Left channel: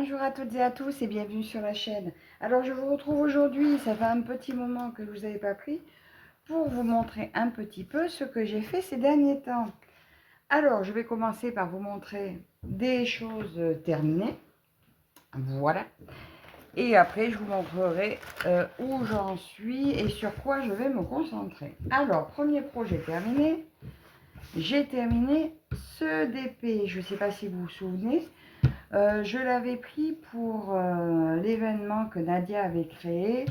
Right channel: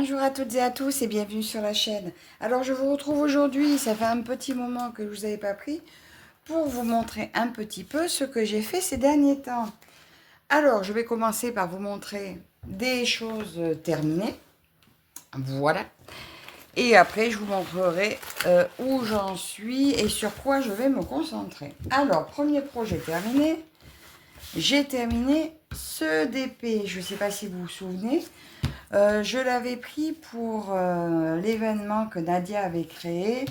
Bonjour à toutes et à tous et bienvenue sur la chaîne. Alors je vous retrouve aujourd'hui, ça fait un petit moment que je ne vous avais pas pris, pour vous montrer un petit peu ce que j'ai fait ces derniers temps. Alors je vais commencer par vous montrer des choses terminées. Voilà. Et après je vous montrerai où j'en suis et sur quoi je vais me concentrer. Alors premier projet terminé. J'ai terminé ce DP, je ne sais pas si vous vous souvenez. Je l'avais pris pour l'événement que Nadia avait créé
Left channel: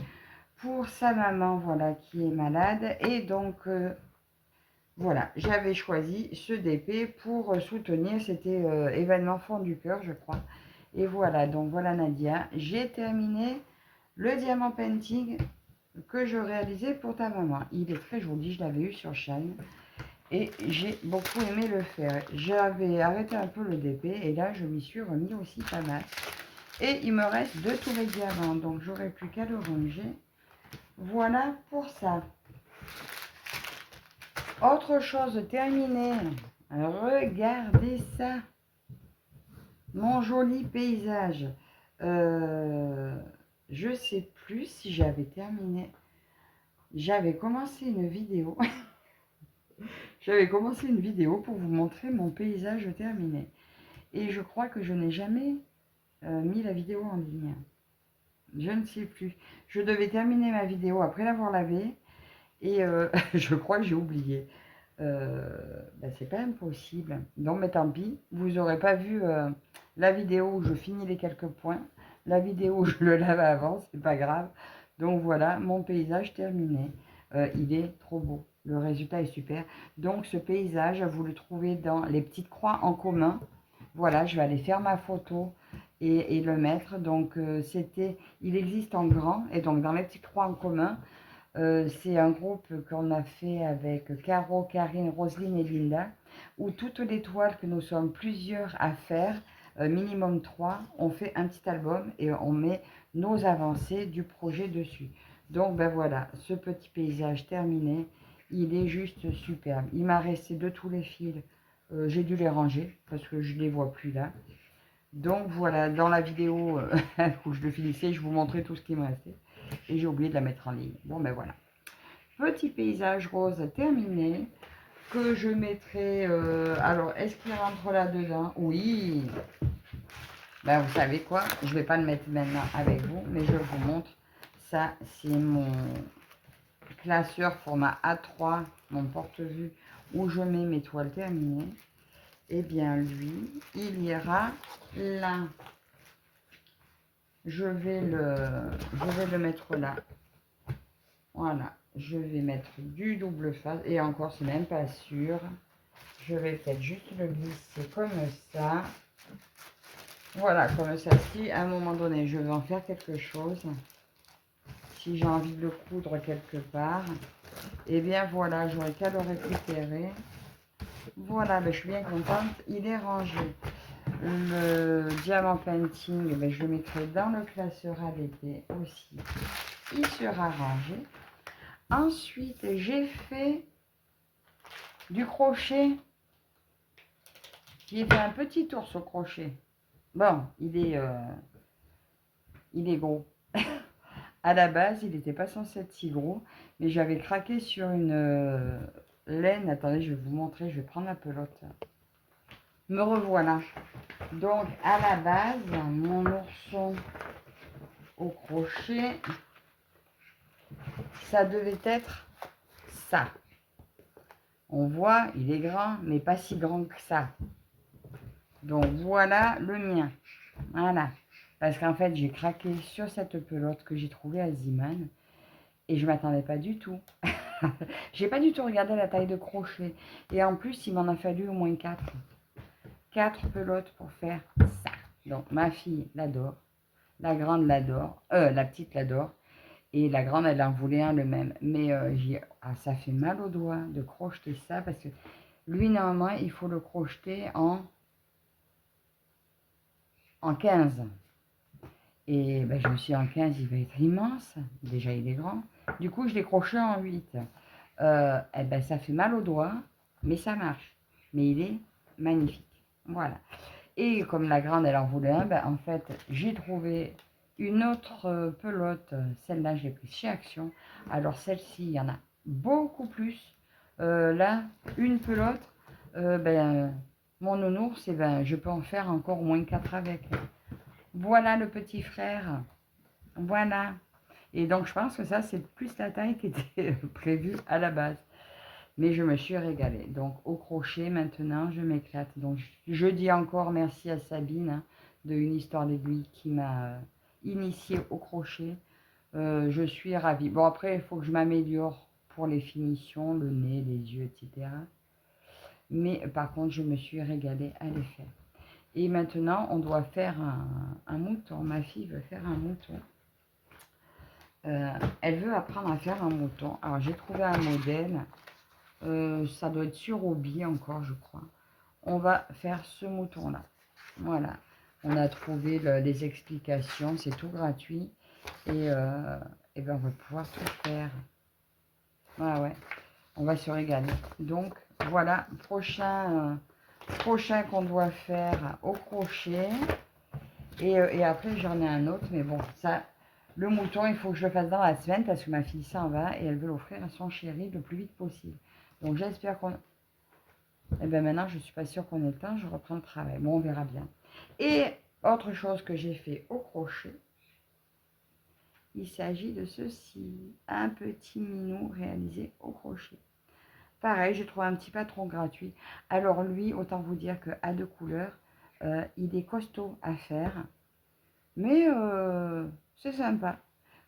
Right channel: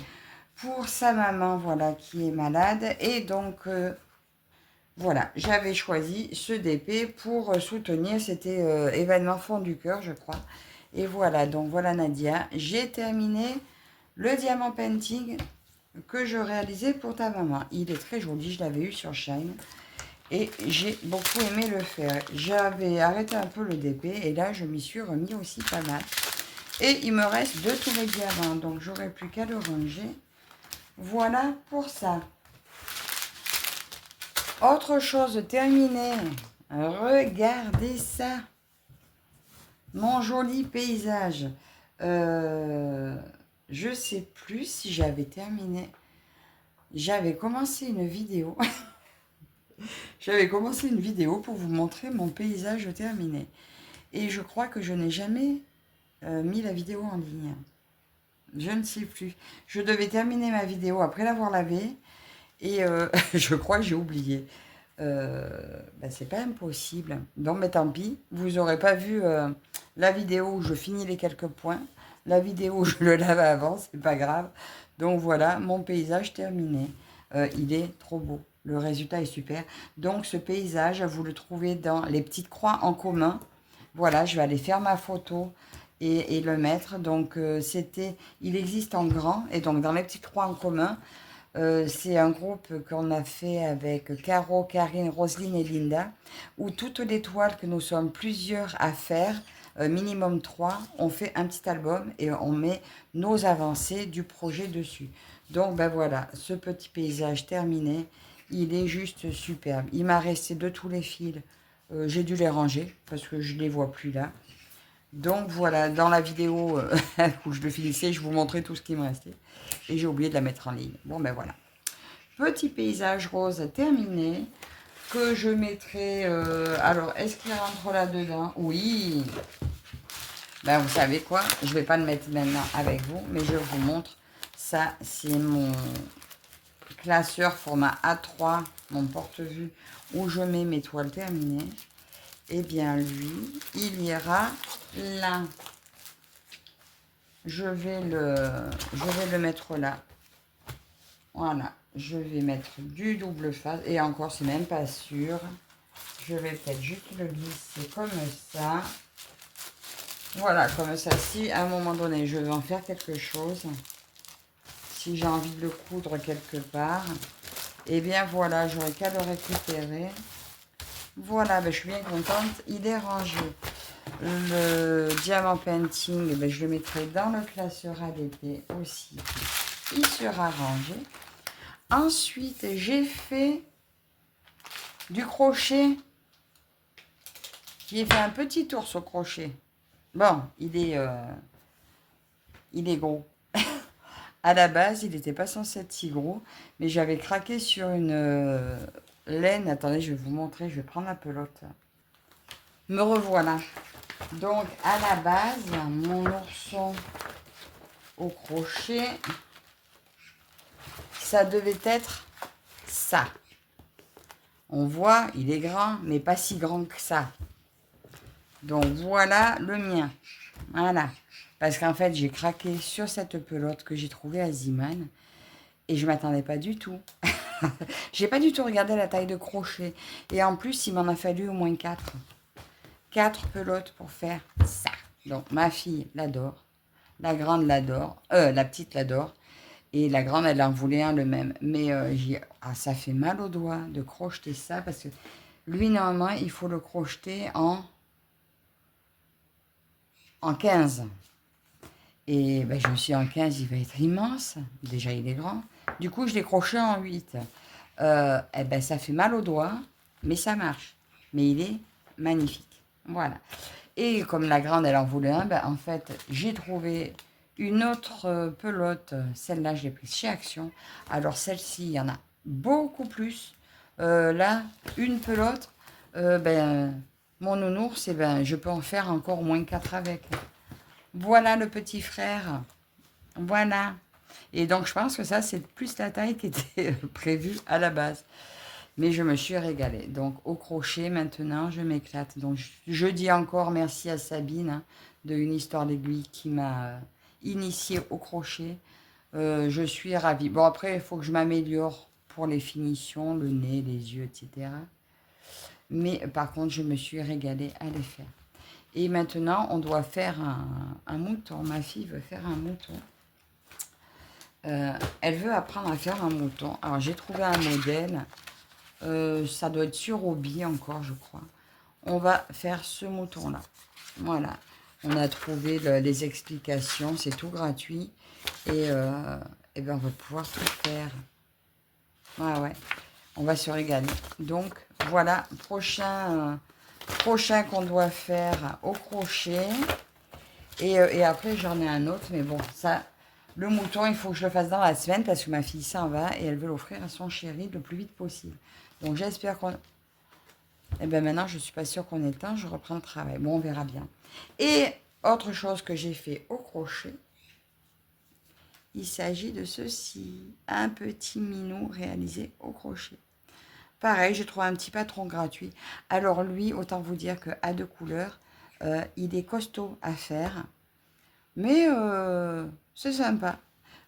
pour sa maman, voilà, qui est malade. Et donc, voilà, j'avais choisi ce DP pour soutenir, c'était événement Fond du Cœur, je crois. Et voilà, donc voilà Nadia, j'ai terminé le diamant painting que je réalisais pour ta maman. Il est très joli, je l'avais eu sur Shine. Et j'ai beaucoup aimé le faire. J'avais arrêté un peu le DP et là, je m'y suis remis aussi pas mal. Et il me reste 2 tours de diamant, donc j'aurai plus qu'à le ranger. Voilà pour ça. Autre chose terminée. Regardez ça. Mon joli paysage. Je sais plus si j'avais terminé. J'avais commencé une vidéo. J'avais commencé une vidéo pour vous montrer mon paysage terminé. Et je crois que je n'ai jamais mis la vidéo en ligne. Je ne sais plus. Je devais terminer ma vidéo après l'avoir lavée. Et je crois que j'ai oublié. C'est pas impossible. Donc, mais tant pis. Vous n'aurez pas vu la vidéo où je finis les quelques points. La vidéo où je le lave avant, c'est pas grave. Donc voilà, mon paysage terminé. Il est trop beau. Le résultat est super. Donc ce paysage, vous le trouvez dans les petites croix en commun. Voilà, je vais aller faire ma photo et le mettre. Donc il existe en grand et donc dans les petites croix en commun. C'est un groupe qu'on a fait avec Caro, Karine, Roselyne et Linda, où toutes les toiles que nous sommes plusieurs à faire, minimum 3, on fait un petit album et on met nos avancées du projet dessus. Donc ben voilà, ce petit paysage terminé, il est juste superbe. Il m'a resté de tous les fils, j'ai dû les ranger parce que je ne les vois plus là. Donc voilà, dans la vidéo où je le finissais, je vous montrais tout ce qui me restait. Et j'ai oublié de la mettre en ligne. Bon ben voilà. Petit paysage rose terminé. Que je mettrai... alors, est-ce qu'il rentre là-dedans? Oui. Ben vous savez quoi? Je ne vais pas le mettre maintenant avec vous, mais je vous montre. Ça, c'est mon classeur format A3, mon porte-vue, où je mets mes toiles terminées. Eh bien, lui, il ira là. Je vais le mettre là. Voilà. Je vais mettre du double face. Et encore, c'est même pas sûr. Je vais peut-être juste le glisser comme ça. Voilà, comme ça. Si à un moment donné, je veux en faire quelque chose, si j'ai envie de le coudre quelque part, eh bien voilà, j'aurai qu'à le récupérer. Voilà, ben, je suis bien contente. Il est rangé. Le diamant painting, ben, je le mettrai dans le classeur ADP aussi. Il sera rangé. Ensuite, j'ai fait du crochet. J'ai fait un petit ours au crochet. Bon, il est gros. À la base, il n'était pas censé être si gros, mais j'avais craqué sur une laine. Attendez, je vais vous montrer, je vais prendre la pelote. Me revoilà. Donc, à la base, mon ourson au crochet, ça devait être ça. On voit, il est grand, mais pas si grand que ça. Donc, voilà le mien. Voilà. Parce qu'en fait, j'ai craqué sur cette pelote que j'ai trouvée à Ziman. Et je ne m'attendais pas du tout. J'ai pas du tout regardé la taille de crochet. Et en plus, il m'en a fallu au moins 4. 4 pelotes pour faire ça. Donc, ma fille l'adore. La grande l'adore. La petite l'adore. Et la grande, elle en voulait un le même. Mais ça fait mal aux doigts de crocheter ça. Parce que lui, normalement, il faut le crocheter en 15. Et ben, je me suis dit, en 15, il va être immense. Déjà, il est grand. Du coup, je l'ai crocheté en 8. Eh ben, ça fait mal aux doigts, mais ça marche. Mais il est magnifique. Voilà. Et comme la grande, elle en voulait un, ben, en fait, j'ai trouvé une autre pelote. Celle-là, je l'ai prise chez Action. Alors, celle-ci, il y en a beaucoup plus. Là, une pelote, ben, mon nounours, eh ben, je peux en faire encore au moins 4 avec. Voilà le petit frère. Voilà. Et donc, je pense que ça, c'est plus la taille qui était prévue à la base. Mais je me suis régalée. Donc, au crochet, maintenant, je m'éclate. Donc, je dis encore merci à Sabine hein, de Une Histoire d'Aiguille qui m'a initiée au crochet. Je suis ravie. Bon, après, il faut que je m'améliore pour les finitions, le nez, les yeux, etc. Mais par contre, je me suis régalée à les faire. Et maintenant, on doit faire un mouton. Ma fille veut faire un mouton. Elle veut apprendre à faire un mouton. Alors, j'ai trouvé un modèle. Ça doit être sur Obi encore, je crois. On va faire ce mouton-là. Voilà. On a trouvé les explications. C'est tout gratuit. Et ben, on va pouvoir tout faire. Ouais, ouais. On va se régaler. Donc, voilà. Prochain qu'on doit faire au crochet. Et après, j'en ai un autre. Mais bon, ça... Le mouton, il faut que je le fasse dans la semaine parce que ma fille s'en va et elle veut l'offrir à son chéri le plus vite possible. Donc j'espère qu'on... Eh bien maintenant, je ne suis pas sûre qu'on ait le temps, je reprends le travail. Bon, on verra bien. Et autre chose que j'ai fait au crochet, il s'agit de ceci. Un petit minou réalisé au crochet. Pareil, j'ai trouvé un petit patron gratuit. Alors lui, autant vous dire qu'à 2 couleurs, il est costaud à faire. Mais c'est sympa.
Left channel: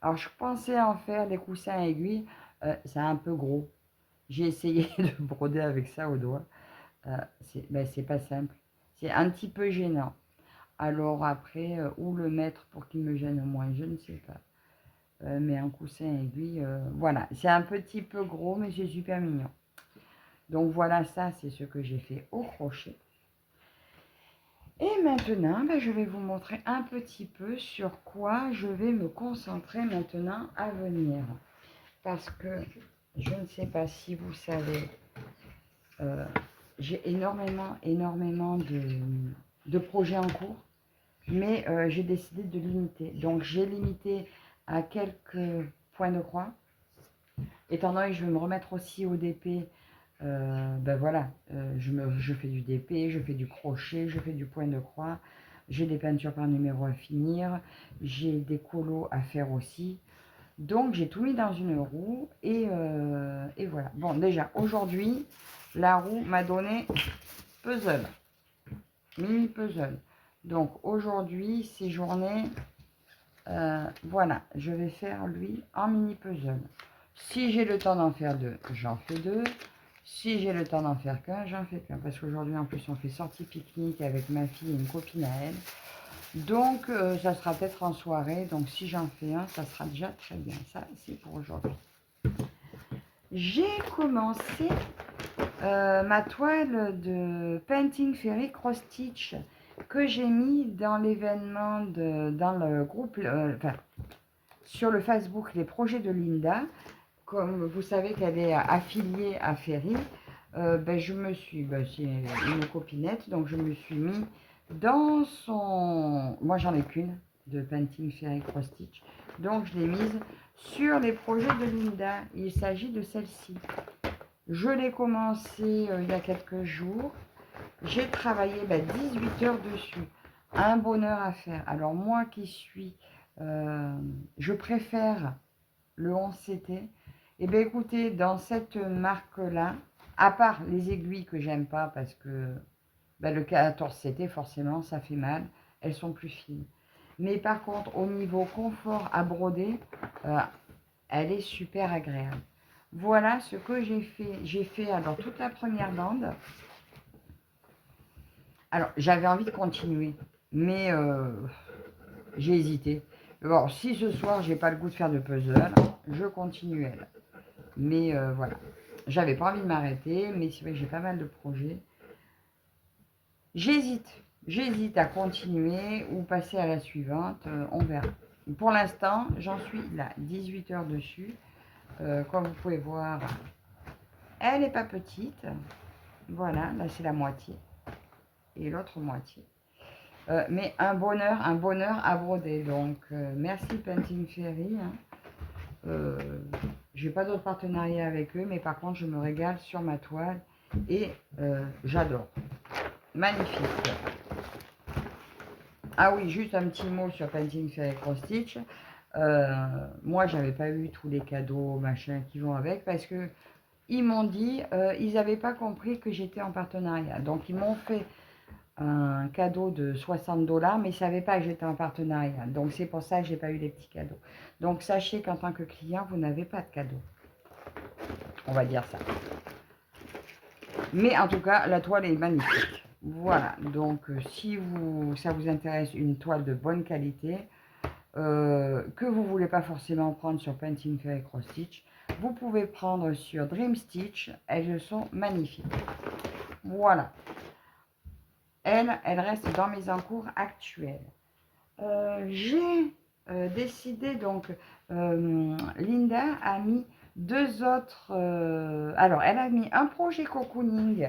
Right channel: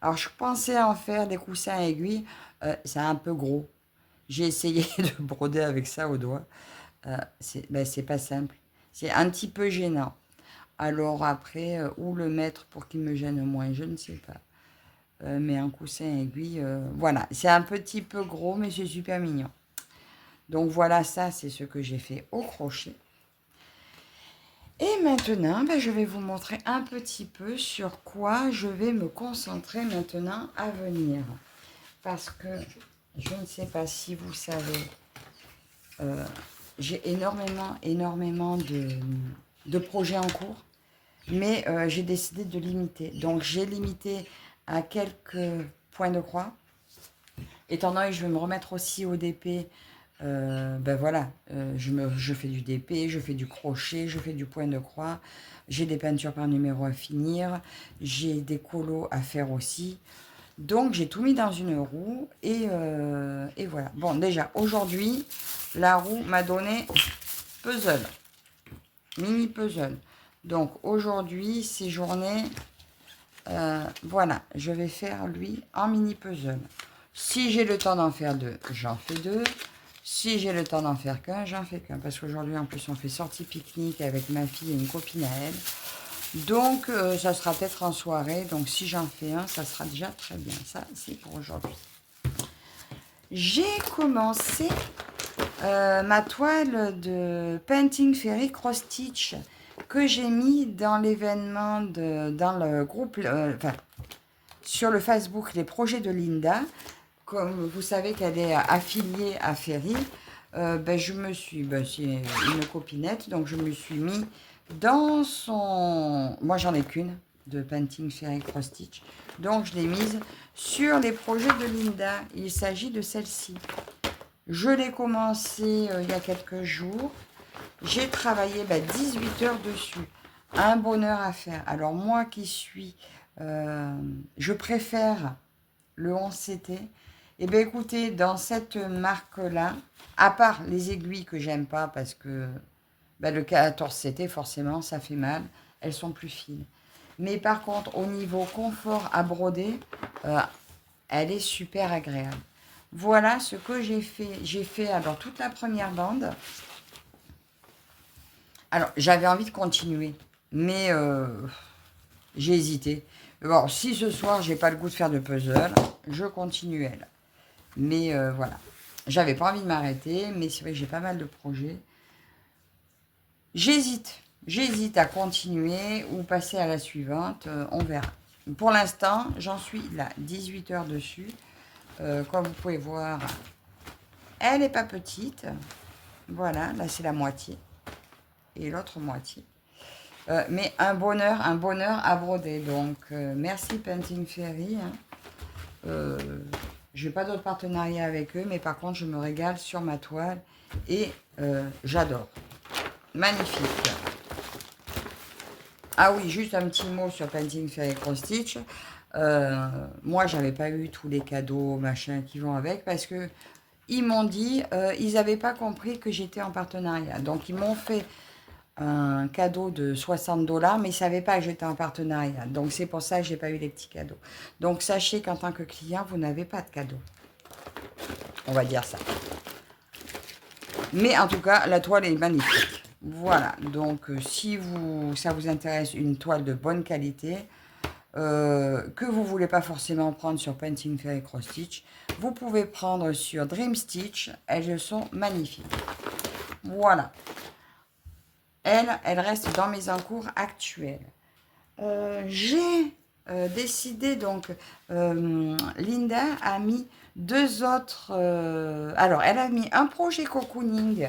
Alors, je pensais en faire des coussins aiguilles. C'est un peu gros. J'ai essayé de broder avec ça au doigt. C'est pas simple. C'est un petit peu gênant. Alors après, où le mettre pour qu'il me gêne moins, je ne sais pas. Mais un coussin aiguille, voilà. C'est un petit peu gros, mais c'est super mignon. Donc voilà, ça, c'est ce que j'ai fait au crochet. Et maintenant, ben, je vais vous montrer un petit peu sur quoi je vais me concentrer maintenant à venir. Parce que je ne sais pas si vous savez, j'ai énormément de projets en cours, mais j'ai décidé de limiter. Donc j'ai limité à quelques points de croix. Étant donné que je vais me remettre aussi au DP, ben voilà, je fais du DP, je fais du crochet, je fais du point de croix, j'ai des peintures par numéro à finir, j'ai des colos à faire aussi. Donc j'ai tout mis dans une roue et voilà. Bon déjà aujourd'hui, la roue m'a donné puzzle, mini puzzle. Donc aujourd'hui, ces journées, voilà, je vais faire lui en mini puzzle. Si j'ai le temps d'en faire 2, j'en fais 2. Si j'ai le temps d'en faire qu'un, j'en fais qu'un. Parce qu'aujourd'hui, en plus, on fait sortie pique-nique avec ma fille et une copine à elle. Donc, ça sera peut-être en soirée. Donc, si j'en fais un, ça sera déjà très bien. Ça, c'est pour aujourd'hui. J'ai commencé ma toile de Painting Fairy Cross Stitch que j'ai mis dans l'événement, dans le groupe, enfin, sur le Facebook, les projets de Linda. Comme vous savez qu'elle est affiliée à Ferry, ben je me suis, ben c'est une copinette, donc je me suis mis dans son... Moi, j'en ai qu'une de Painting Ferry Cross Stitch, donc je l'ai mise sur les projets de Linda. Il s'agit de celle-ci. Je l'ai commencé il y a quelques jours. J'ai travaillé 18 heures dessus. Un bonheur à faire. Alors moi qui suis... je préfère le 11CT. Et bien écoutez, dans cette marque-là, à part les aiguilles que j'aime pas parce que le 14CT, forcément, ça fait mal. Elles sont plus fines. Mais par contre, au niveau confort à broder, elle est super agréable. Voilà ce que j'ai fait. J'ai fait alors toute la première bande. Alors, j'avais envie de continuer, mais j'ai hésité. Bon, si ce soir, j'ai pas le goût de faire de puzzle, je continue elle. Mais voilà. J'avais pas envie de m'arrêter, mais c'est vrai que j'ai pas mal de projets. J'hésite. J'hésite à continuer ou passer à la suivante. On verra. Pour l'instant, j'en suis là, 18 heures dessus. Comme vous pouvez voir, elle n'est pas petite. Voilà, là c'est la moitié. Et l'autre moitié. Mais un bonheur à broder. Donc, merci Painting Fairy. Je n'ai pas d'autres partenariats avec eux, mais par contre, je me régale sur ma toile et j'adore. Magnifique. Ah oui, juste un petit mot sur Painting Fairy Cross Stitch. Moi, j'avais pas eu tous les cadeaux, machin, qui vont avec, parce que ils m'ont dit, ils n'avaient pas compris que j'étais en partenariat. Donc, ils m'ont fait un cadeau de 60 $, mais ils ne savaient pas que j'étais en partenariat. Donc, c'est pour ça que je n'ai pas eu les petits cadeaux. Donc, sachez qu'en tant que client, vous n'avez pas de cadeau. On va dire ça. Mais en tout cas, la toile est magnifique. Voilà. Donc, si ça vous intéresse, une toile de bonne qualité, que vous ne voulez pas forcément prendre sur Painting Fairy Cross Stitch, vous pouvez prendre sur Dream Stitch. Elles sont magnifiques. Voilà. Elle reste dans mes encours actuels. J'ai décidé, donc, Linda a mis 2 autres... alors, elle a mis un projet cocooning.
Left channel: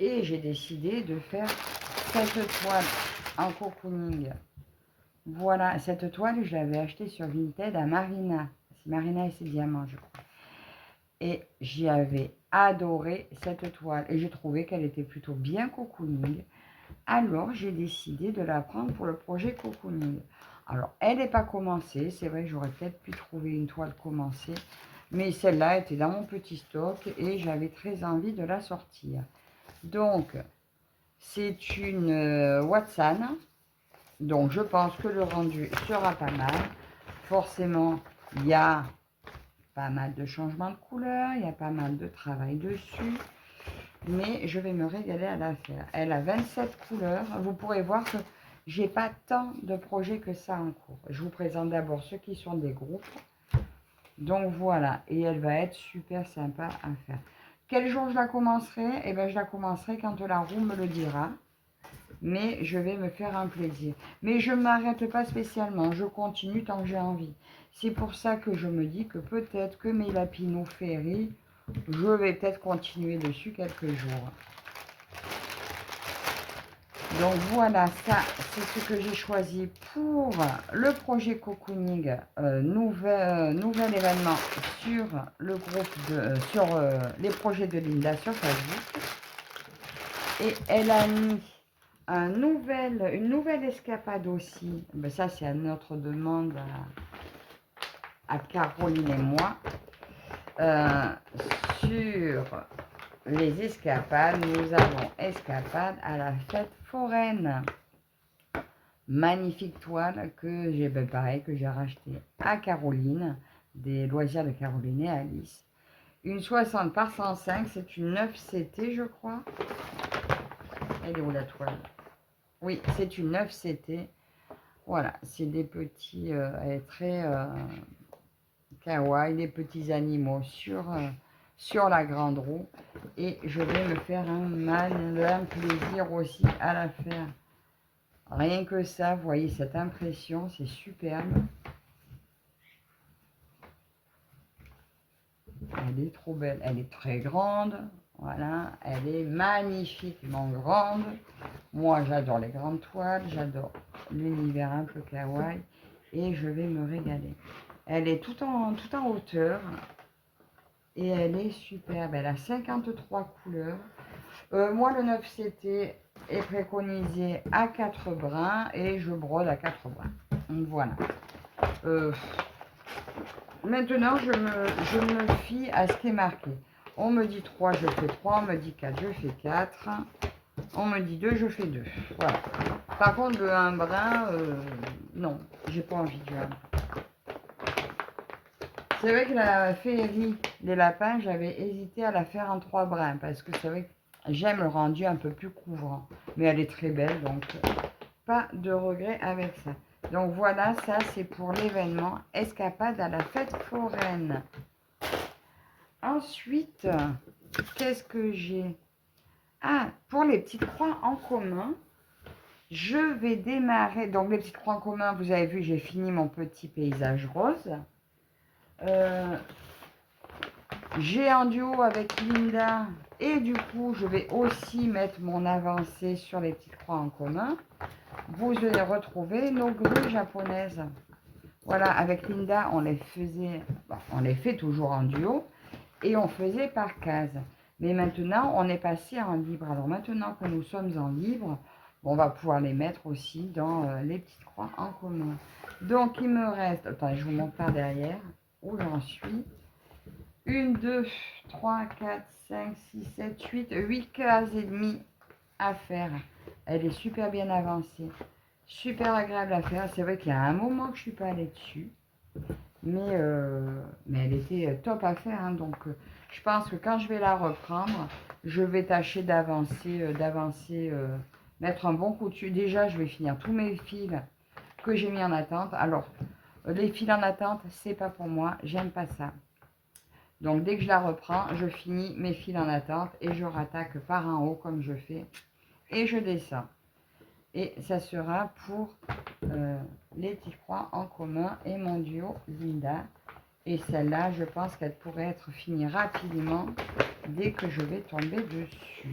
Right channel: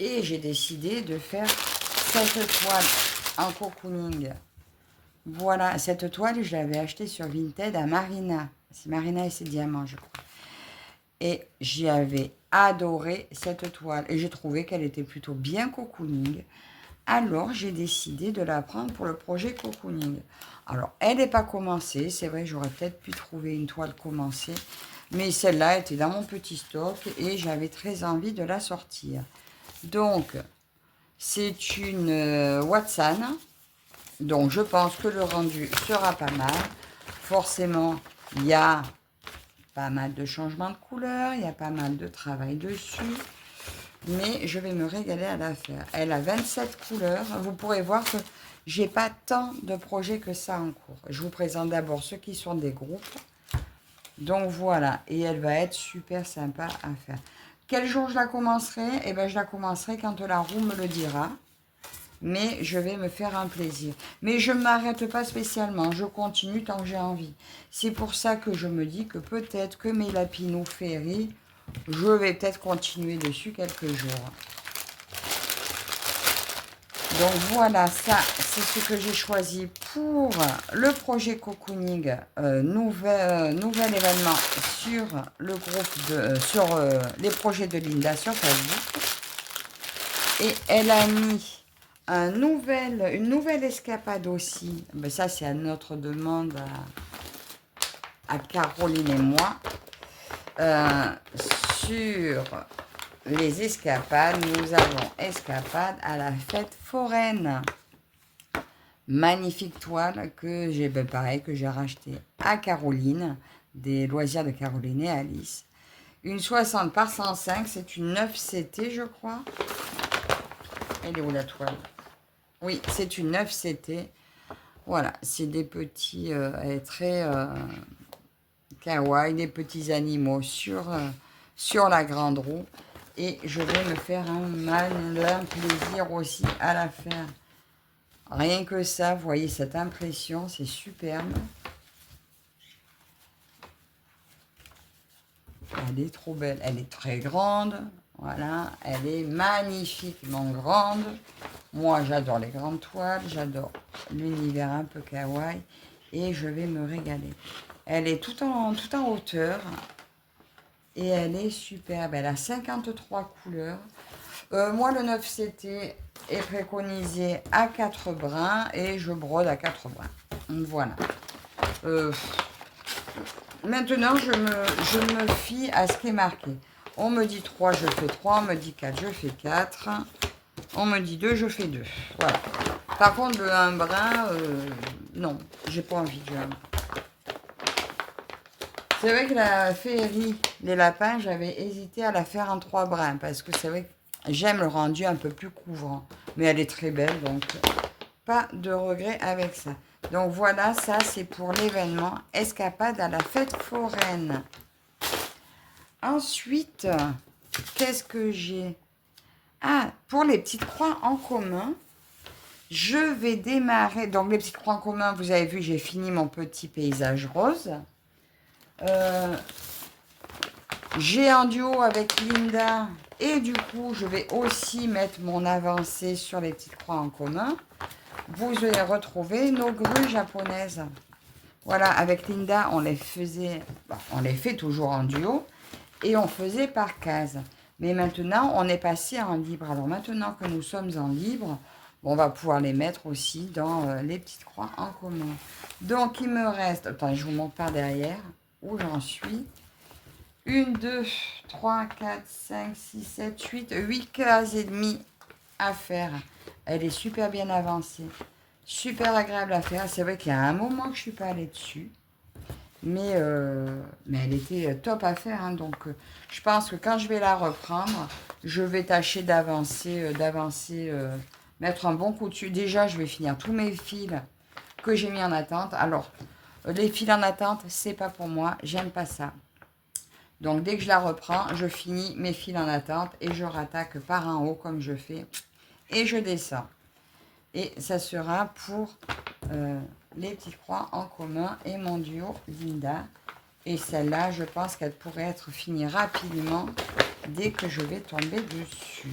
Et j'ai décidé de faire cette toile en cocooning. Voilà, cette toile, je l'avais achetée sur Vinted à Marina. C'est Marina et ses diamants, je crois. Et j'y avais adoré cette toile. Et j'ai trouvé qu'elle était plutôt bien cocooning. Alors, j'ai décidé de la prendre pour le projet cocooning. Alors, elle n'est pas commencée. C'est vrai, j'aurais peut-être pu trouver une toile commencée. Mais celle-là était dans mon petit stock et j'avais très envie de la sortir. Donc, c'est une Watson. Donc, je pense que le rendu sera pas mal. Forcément, il y a pas mal de changements de couleur, il y a pas mal de travail dessus. Mais je vais me régaler à la faire. Elle a 27 couleurs. Vous pourrez voir que j'ai pas tant de projets que ça en cours. Je vous présente d'abord ceux qui sont des groupes. Donc, voilà. Et elle va être super sympa à faire. Quel jour je la commencerai? Eh bien, je la commencerai quand la roue me le dira. Mais je vais me faire un plaisir. Mais je ne m'arrête pas spécialement. Je continue tant que j'ai envie. C'est pour ça que je me dis que peut-être que mes lapinous Fairy, je vais peut-être continuer dessus quelques jours. Donc voilà, ça, c'est ce que j'ai choisi pour le projet cocooning, nouvel événement sur le groupe sur les projets de Linda sur Facebook. Et elle a mis une nouvelle escapade aussi. Ben ça, c'est à notre demande à Caroline et moi. Sur les escapades, nous avons escapade à la fête foraine. Magnifique toile que j'ai, ben pareil, que j'ai racheté à Caroline, des loisirs de Caroline et Alice. Une 60 par 105, c'est une 9 CT, je crois. Elle est où la toile? Oui, c'est une 9 CT. Voilà, c'est des petits, elle est très kawaii, des petits animaux sur la grande roue. Et je vais me faire un malin plaisir aussi à la faire. Rien que ça, vous voyez cette impression, c'est superbe. Elle est trop belle, elle est très grande. Voilà, elle est magnifiquement grande. Moi, j'adore les grandes toiles, j'adore l'univers un peu kawaii et je vais me régaler. Elle est tout en hauteur et elle est superbe. Elle a 53 couleurs. Moi, le 9CT est préconisé à 4 brins et je brode à 4 brins. Voilà. Maintenant, je me fie à ce qui est marqué. On me dit 3, je fais 3. On me dit 4, je fais 4. On me dit 2, je fais 2. Voilà. Par contre, un brin, non, j'ai pas envie de jouer. C'est vrai que la féerie des lapins, j'avais hésité à la faire en 3 brins. Parce que c'est vrai que j'aime le rendu un peu plus couvrant. Mais elle est très belle, donc pas de regret avec ça. Donc voilà, ça c'est pour l'événement escapade à la fête foraine. Ensuite, qu'est-ce que j'ai? Ah, pour les petites croix en commun, je vais démarrer. Donc les petites croix en commun, vous avez vu, j'ai fini mon petit paysage rose. J'ai en duo avec Linda Et du coup, je vais aussi mettre mon avancée sur les petites croix en commun. Vous allez retrouver nos grues japonaises. Voilà, avec Linda, on les faisait, on les fait toujours en duo et on faisait par case. Mais maintenant, on est passé en libre. Alors maintenant que nous sommes en libre, on va pouvoir les mettre aussi dans les petites croix en commun. Donc, il me reste, attends, je vous montre par derrière où j'en suis. 1, 2, 3, 4, 5, 6, 7, 8 cases et demie à faire. Elle est super bien avancée. Super agréable à faire. C'est vrai qu'il y a un moment que je ne suis pas allée dessus. Mais elle était top à faire. Hein, donc, je pense que quand je vais la reprendre, je vais tâcher d'avancer, mettre un bon coup dessus. Déjà, je vais finir tous mes fils que j'ai mis en attente. Alors, les fils en attente, c'est pas pour moi. J'aime pas ça. Donc, dès que je la reprends, je finis mes fils en attente et je rattaque par en haut comme je fais. Et je descends. Et ça sera pour les petites croix en commun et mon duo Linda. Et celle-là, je pense qu'elle pourrait être finie rapidement dès que je vais tomber dessus.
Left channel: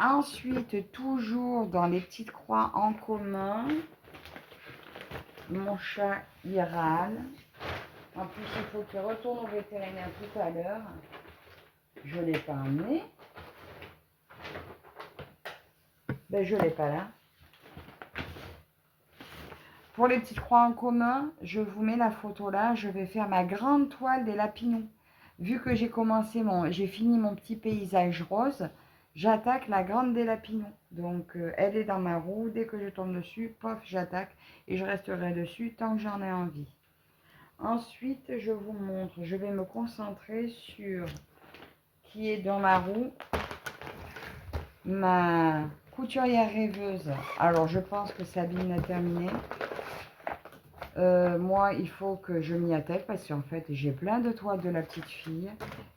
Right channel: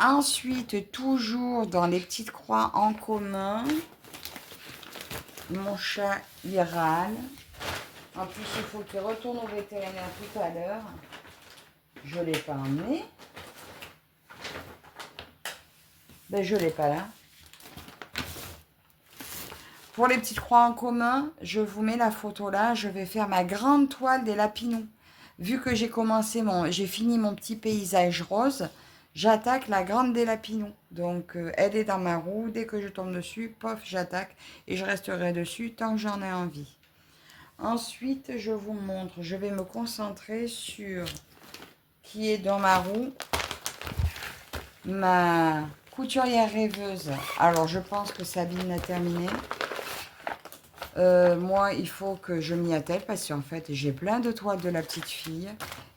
Ensuite, toujours dans les petites croix en commun, mon chat il râle. En plus, il faut qu'il retourne au vétérinaire tout à l'heure. Je ne l'ai pas emmené. Ben, je ne l'ai pas là. Pour les petites croix en commun, je vous mets la photo là. Je vais faire ma grande toile des lapinons. Vu que j'ai fini mon petit paysage rose, j'attaque la grande des lapinons. Donc, elle est dans ma roue. Dès que je tombe dessus, pof, j'attaque. Et je resterai dessus tant que j'en ai envie. Ensuite, je vous montre. Je vais me concentrer sur qui est dans ma roue. Ma couturière rêveuse. Alors, je pense que Sabine a terminé. Moi, il faut que je m'y attelle parce qu'en fait, j'ai plein de toiles de la petite fille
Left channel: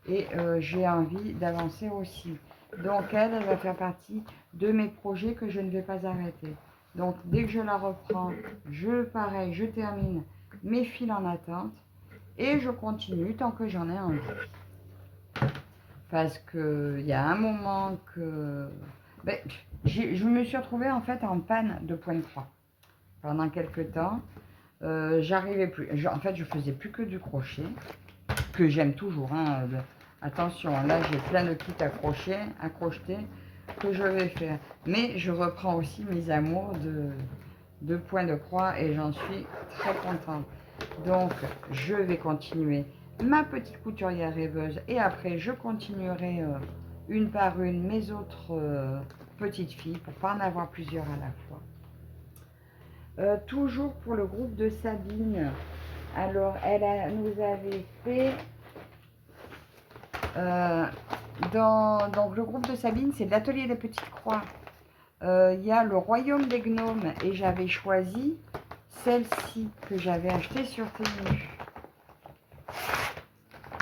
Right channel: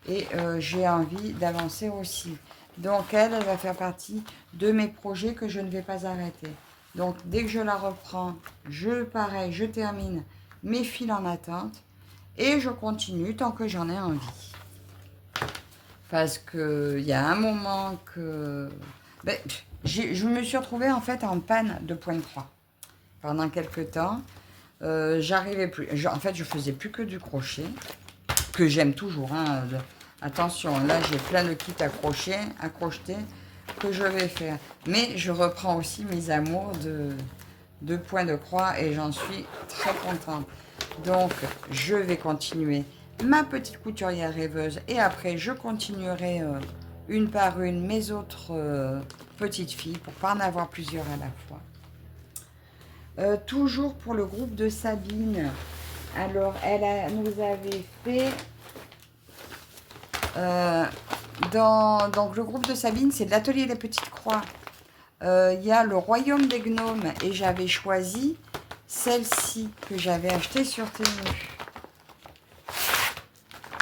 et j'ai envie d'avancer aussi. Donc, elle va faire partie de mes projets que je ne vais pas arrêter. Donc, dès que je la reprends, pareil, je termine mes fils en attente et je continue tant que j'en ai envie. Parce qu'il y a un moment que... Ben, je me suis retrouvée en fait en panne de point de croix pendant quelques temps. J'arrivais plus. En fait, je faisais plus que du crochet, que j'aime toujours. Hein, attention, là, j'ai plein de kits à crocheter, que je vais faire. Mais je reprends aussi mes amours de points de croix et j'en suis très contente. Donc, je vais continuer ma petite couturière rêveuse et après, je continuerai une par une mes autres petites filles pour pas en avoir plusieurs à la fois. Toujours pour le groupe de Sabine. Alors, nous avait fait... donc, le groupe de Sabine, c'est l'atelier des petites croix. Il y a le royaume des gnomes et j'avais choisi celle-ci que j'avais achetée sur Temu.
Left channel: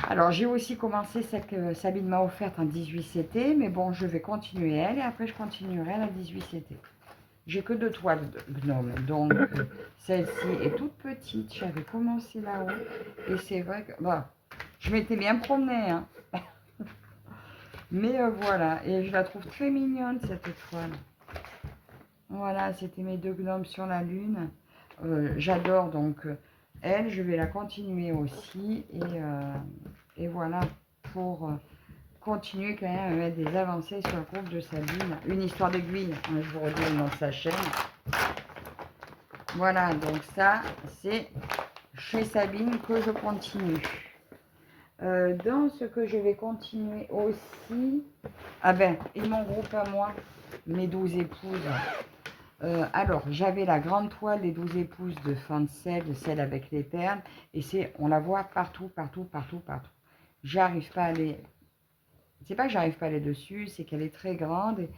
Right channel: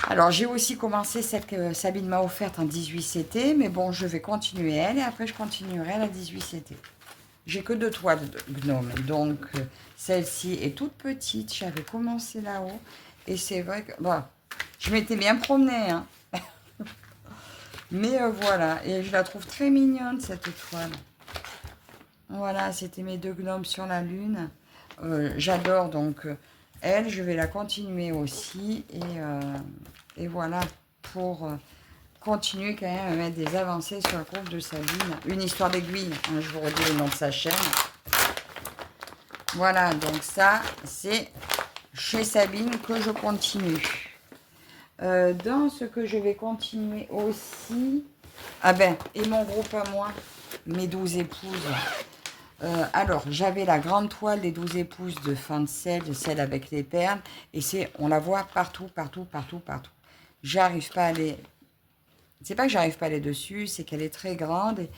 Alors, j'ai aussi commencé celle que Sabine m'a offerte en 18CT, mais bon, je vais continuer elle et après, je continuerai à la 18CT. J'ai que 2 toiles de gnome, donc celle-ci est toute petite. J'avais commencé là-haut et c'est vrai que bon, je m'étais bien promenée, hein. Mais voilà, et je la trouve très mignonne cette toile. Voilà, c'était mes 2 gnomes sur la lune. J'adore donc elle, je vais la continuer aussi et voilà pour continuer quand même à mettre des avancées sur le groupe de Sabine. Une histoire d'aiguille, hein, je vous redis le nom de sa chaîne. Voilà, donc ça, c'est chez Sabine que je continue. Dans ce que je vais continuer aussi... Ah ben, et mon groupe à moi, mes 12 épouses. Alors, j'avais la grande toile des 12 épouses de Fancel, celle avec les perles. Et on la voit partout, partout, partout, partout. J'arrive pas à aller... C'est pas que j'arrive pas à aller dessus, c'est qu'elle est très grande. Et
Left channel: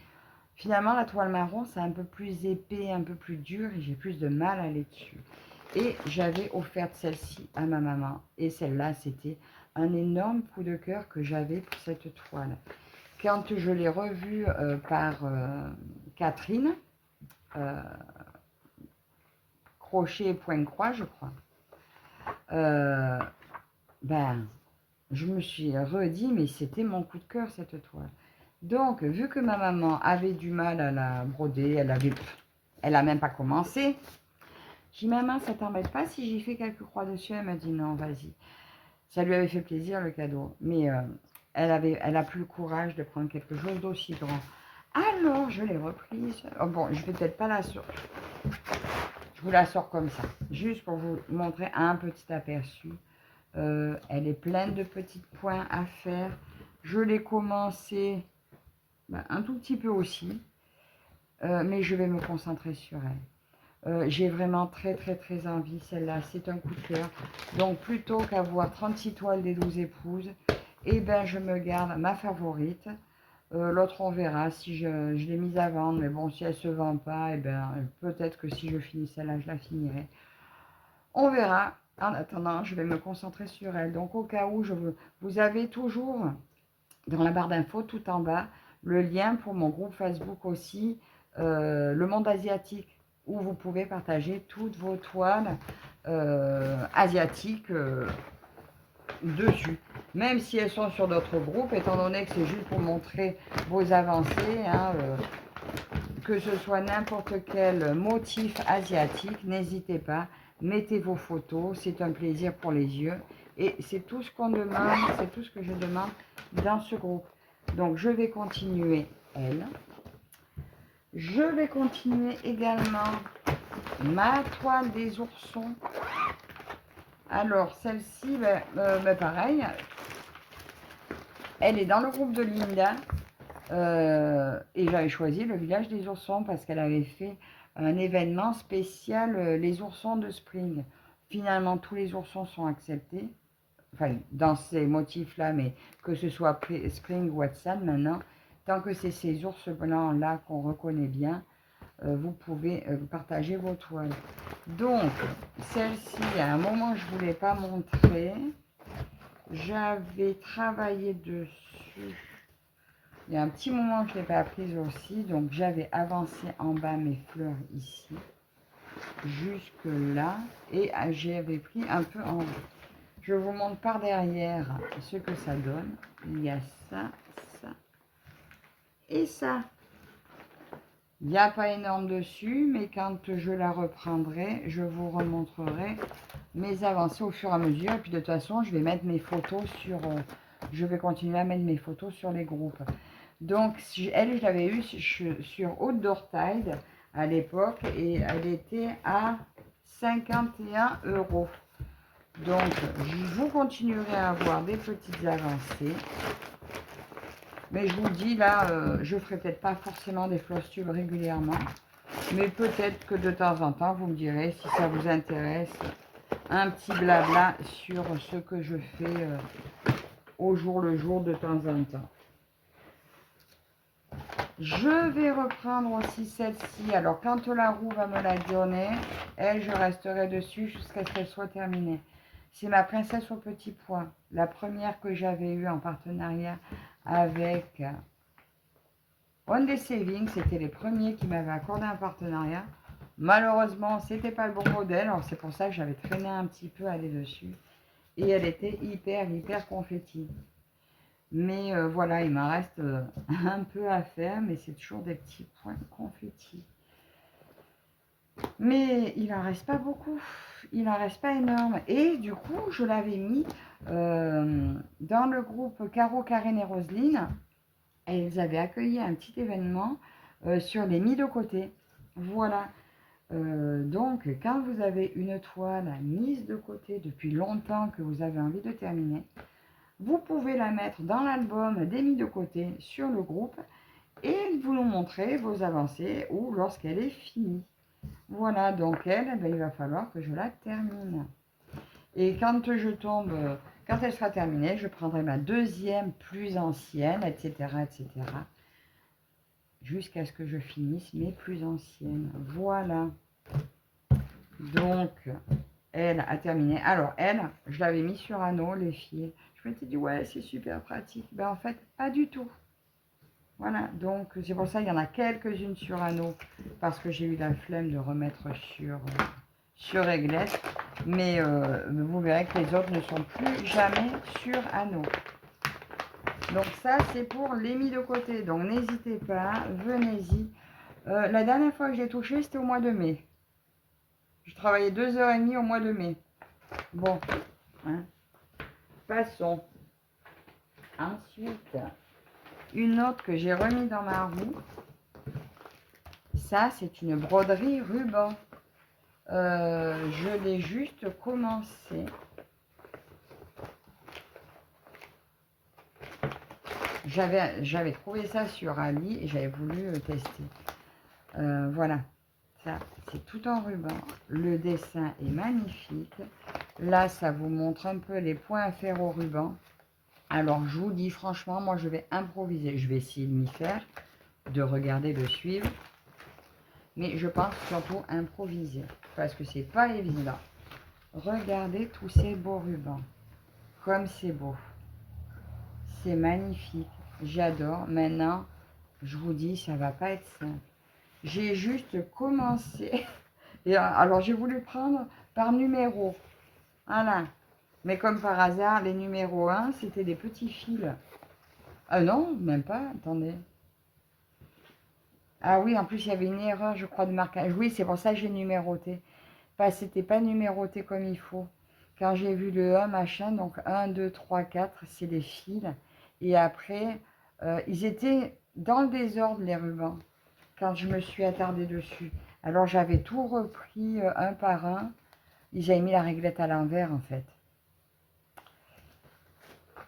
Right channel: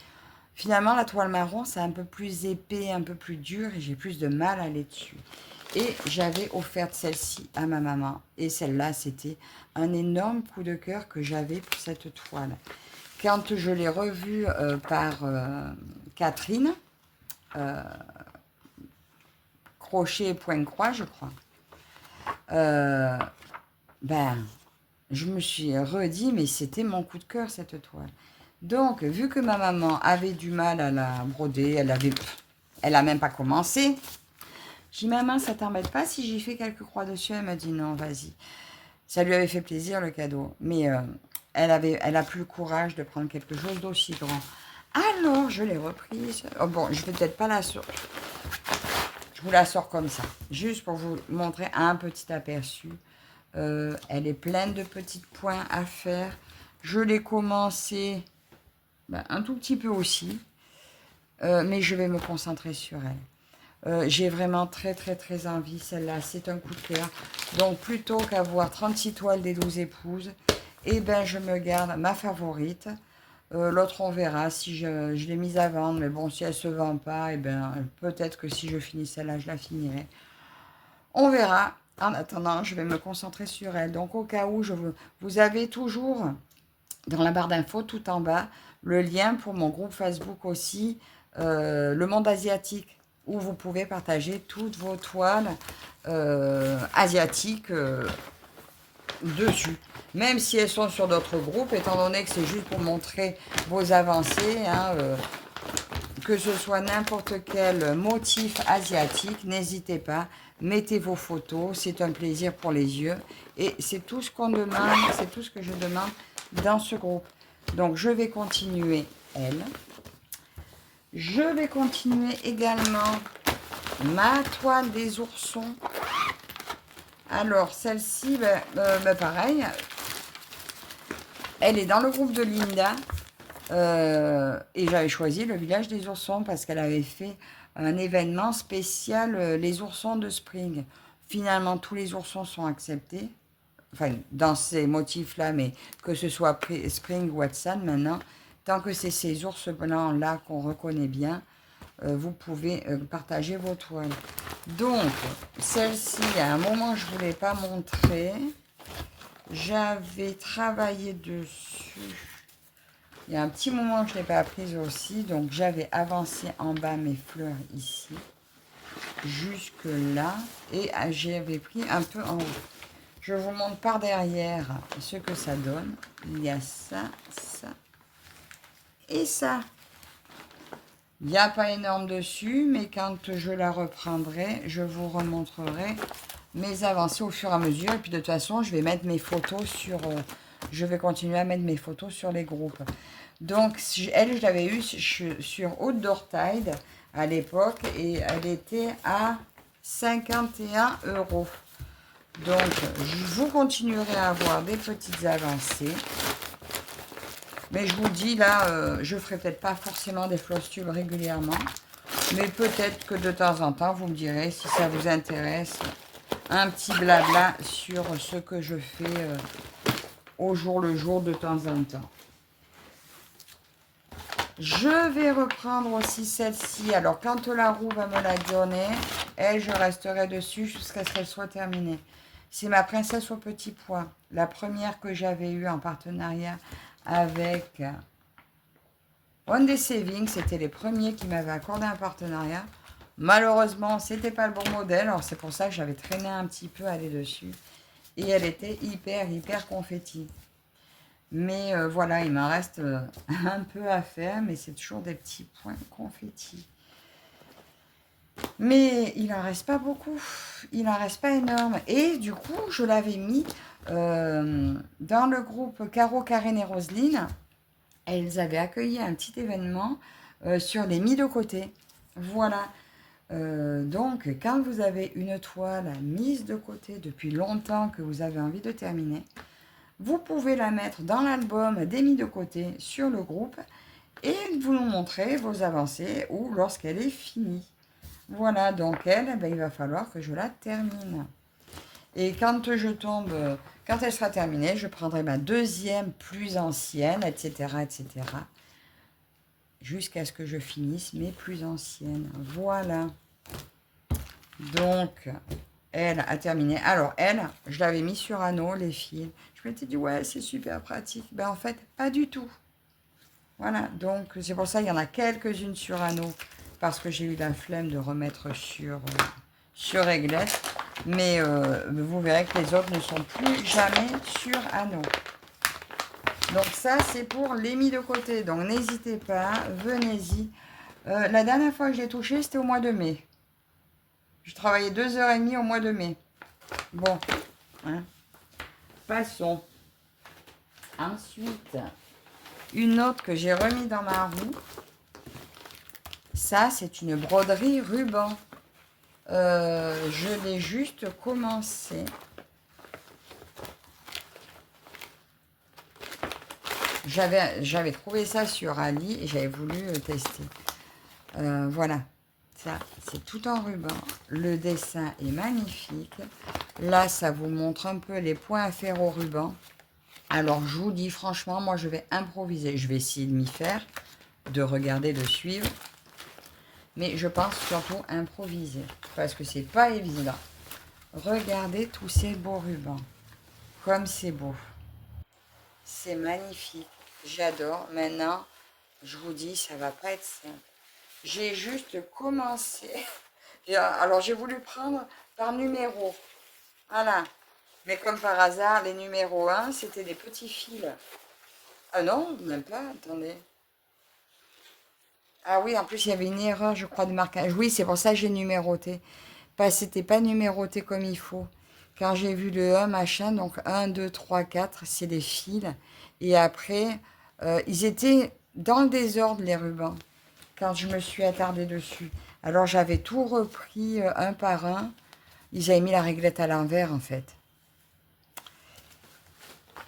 finalement, la toile marron, c'est un peu plus épais, un peu plus dur. Et j'ai plus de mal à aller dessus. Et j'avais offert celle-ci à ma maman. Et celle-là, c'était un énorme coup de cœur que j'avais pour cette toile. Quand je l'ai revue par Catherine, crochet et point de croix, je crois. Ben, je me suis redit, mais c'était mon coup de cœur, cette toile. Donc, vu que ma maman avait du mal à la broder, elle a même pas commencé. J'ai dit, maman, ça t'embête pas si j'ai fait quelques croix dessus? Elle m'a dit, non, vas-y. Ça lui avait fait plaisir, le cadeau. Mais elle a plus le courage de prendre quelque chose d'aussi grand. Alors, je l'ai reprise. Oh, bon, je vais peut-être pas la sortir. Je vous la sors comme ça. Juste pour vous montrer un petit aperçu. Elle est pleine de petits points à faire. Je l'ai commencé un tout petit peu aussi. Mais je vais me concentrer sur elle. J'ai vraiment très très très envie. Celle-là, c'est un coup de cœur. Donc, plutôt qu'avoir 36 toiles des 12 épouses, eh ben, je me garde ma favorite. L'autre, on verra si je l'ai mise à vendre. Mais bon, si elle ne se vend pas, eh ben, peut-être que si je finis celle-là, je la finirai. On verra. En attendant, je vais me concentrer sur elle. Donc, au cas où, vous avez toujours dans la barre d'infos tout en bas le lien pour mon groupe Facebook aussi, le monde asiatique, où vous pouvez partager toutes vos toiles asiatiques dessus. Même si elles sont sur d'autres groupes, étant donné que c'est juste pour montrer vos avancées, hein, que ce soit n'importe quel motif asiatique, n'hésitez pas, mettez vos photos, c'est un plaisir pour les yeux. Et c'est tout ce qu'on demande, c'est tout ce que je demande dans ce groupe. Donc je vais continuer elle. Je vais continuer également ma toile des oursons. Alors celle-ci, pareil, elle est dans le groupe de Linda. Et j'avais choisi le village des oursons parce qu'elle avait fait un événement spécial, les oursons de Spring. Finalement, tous les oursons sont acceptés, enfin, dans ces motifs-là, mais que ce soit Spring ou Watson maintenant, tant que c'est ces ours blancs-là qu'on reconnaît bien, vous pouvez partager vos toiles. Donc, celle-ci, à un moment, je ne voulais pas montrer. J'avais travaillé dessus. Il y a un petit moment que je ne l'ai pas prise aussi, donc j'avais avancé en bas mes fleurs ici, jusque là, et j'avais pris un peu en haut. Je vous montre par derrière ce que ça donne. Il y a ça, ça et ça. Il n'y a pas énorme dessus, mais quand je la reprendrai, je vous remontrerai mes avancées au fur et à mesure. Et puis de toute façon, je vais mettre mes photos sur... je vais continuer à mettre mes photos sur les groupes. Donc, elle, je l'avais eue sur Outdoor Tide à l'époque et elle était à 51 €. Donc, vous continuerez à avoir des petites avancées. Mais je vous dis, là, je ne ferai peut-être pas forcément des floss tubes régulièrement. Mais peut-être que de temps en temps, vous me direz si ça vous intéresse. Un petit blabla sur ce que je fais au jour le jour de temps en temps. Je vais reprendre aussi celle-ci. Alors, quand la roue va me la donner, elle, je resterai dessus jusqu'à ce qu'elle soit terminée. C'est ma princesse au petit pois. La première que j'avais eue en partenariat avec One Day Saving. C'était les premiers qui m'avaient accordé un partenariat. Malheureusement, c'était pas le bon modèle. Alors, c'est pour ça que j'avais traîné un petit peu à aller dessus. Et elle était hyper, hyper confetti. Mais voilà, il m'en reste un peu à faire, mais c'est toujours des petits points confetti. Mais il n'en reste pas beaucoup, il n'en reste pas énorme. Et du coup, je l'avais mis dans le groupe Caro, Karine et Roselyne. Elles avaient accueilli un petit événement sur les mis de côté. Voilà. Donc, quand vous avez une toile mise de côté depuis longtemps que vous avez envie de terminer, vous pouvez la mettre dans l'album des mis de côté sur le groupe et vous nous montrer vos avancées ou lorsqu'elle est finie. Voilà, donc elle, il va falloir que je la termine. Et quand elle sera terminée, je prendrai ma deuxième plus ancienne, etc., etc. Jusqu'à ce que je finisse mes plus anciennes. Voilà. Donc, elle a terminé. Alors, elle, je l'avais mis sur anneau, les fils. Je m'étais dit, ouais, c'est super pratique. Ben, en fait, pas du tout. Voilà, donc c'est pour ça qu'il y en a quelques-unes sur anneau, parce que j'ai eu la flemme de remettre sur réglette. Mais vous verrez que les autres ne sont plus jamais sur anneau. Donc ça, c'est pour les mis de côté. Donc n'hésitez pas, venez-y. La dernière fois que je l'ai touché, c'était au mois de mai. Je travaillais 2h30 au mois de mai. Bon, hein. Passons. Ensuite, une autre que j'ai remis dans ma roue. Ça, c'est une broderie ruban. Je l'ai juste commencé. J'avais trouvé ça sur Ali et j'avais voulu tester. Voilà, ça c'est tout en ruban. Le dessin est magnifique. Là, ça vous montre un peu les points à faire au ruban. Alors, je vous dis franchement, moi je vais improviser. Je vais essayer de m'y faire, de regarder, de suivre. Mais je pense surtout improviser parce que c'est pas évident. Regardez tous ces beaux rubans. Comme c'est beau. C'est magnifique. J'adore. Maintenant, je vous dis, ça va pas être simple. J'ai juste commencé. Et alors, j'ai voulu prendre par numéro. Voilà. Mais comme par hasard, les numéros 1, c'était des petits fils. Ah non, même pas. Attendez. Ah oui, en plus, il y avait une erreur, je crois, de marquage. Oui, c'est pour ça que j'ai numéroté. C'était pas numéroté comme il faut. Quand j'ai vu le 1, machin, donc 1, 2, 3, 4, c'est des fils. Et après, ils étaient dans le désordre, les rubans, quand je me suis attardée dessus. Alors, j'avais tout repris un par un. Ils avaient mis la réglette à l'envers, en fait.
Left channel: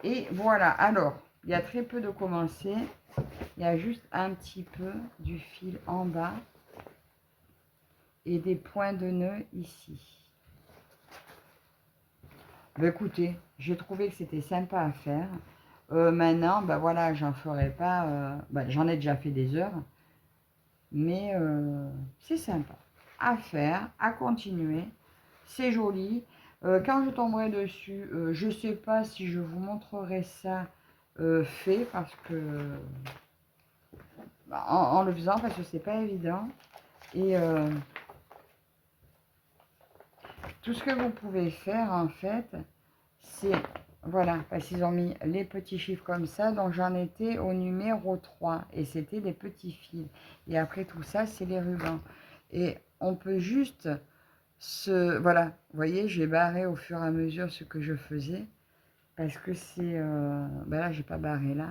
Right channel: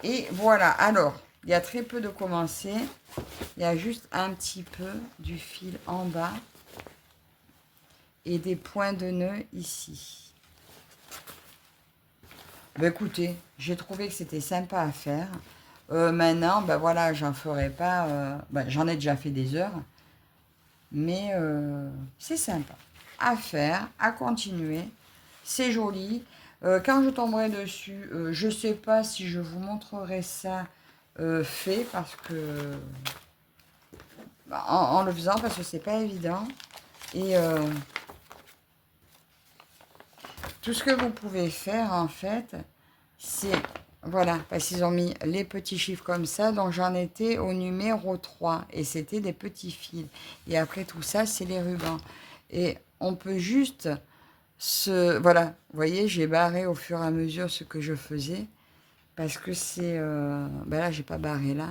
Et voilà, alors, il y a très peu de commencer. Il y a juste un petit peu du fil en bas et des points de nœud ici. Ben écoutez, j'ai trouvé que c'était sympa à faire. Maintenant, ben voilà, j'en ferai pas. J'en ai déjà fait des heures, mais c'est sympa à faire, à continuer. C'est joli. Quand je tomberai dessus, je sais pas si je vous montrerai ça fait parce que en le faisant parce que c'est pas évident. Et tout ce que vous pouvez faire en fait, c'est voilà, parce qu'ils ont mis les petits chiffres comme ça, donc j'en étais au numéro 3 et c'était des petits fils. Et après tout ça, c'est les rubans. Et on peut juste voilà, vous voyez, j'ai barré au fur et à mesure ce que je faisais parce que c'est là, j'ai pas barré là,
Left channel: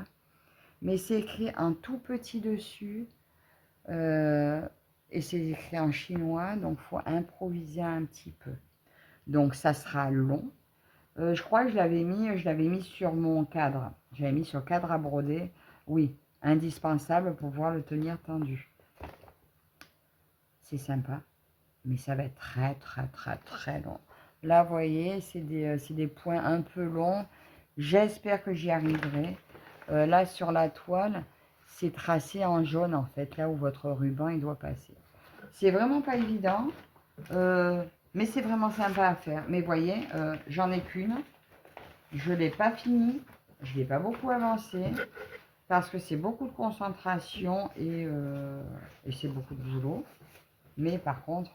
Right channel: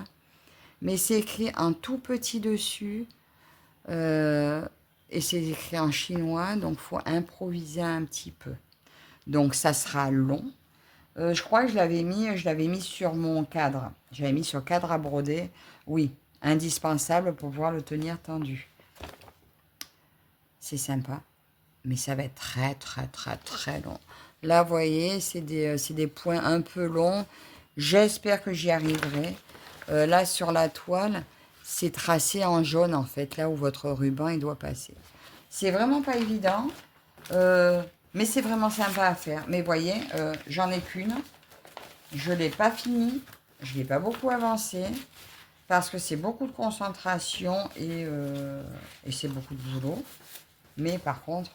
mais c'est écrit en tout petit dessus. Et c'est écrit en chinois, donc il faut improviser un petit peu. Donc ça sera long. Je crois que je l'avais mis sur mon cadre. J'avais mis sur cadre à broder. Oui, indispensable pour pouvoir le tenir tendu. C'est sympa, mais ça va être très très très très long. Là, vous voyez, c'est des points un peu longs. J'espère que j'y arriverai. Là, sur la toile, c'est tracé en jaune, en fait, là où votre ruban il doit passer. C'est vraiment pas évident, mais c'est vraiment sympa à faire. Mais vous voyez, j'en ai qu'une. Je ne l'ai pas fini. Je ne l'ai pas beaucoup avancé. Parce que c'est beaucoup de concentration et c'est beaucoup de boulot. Mais par contre,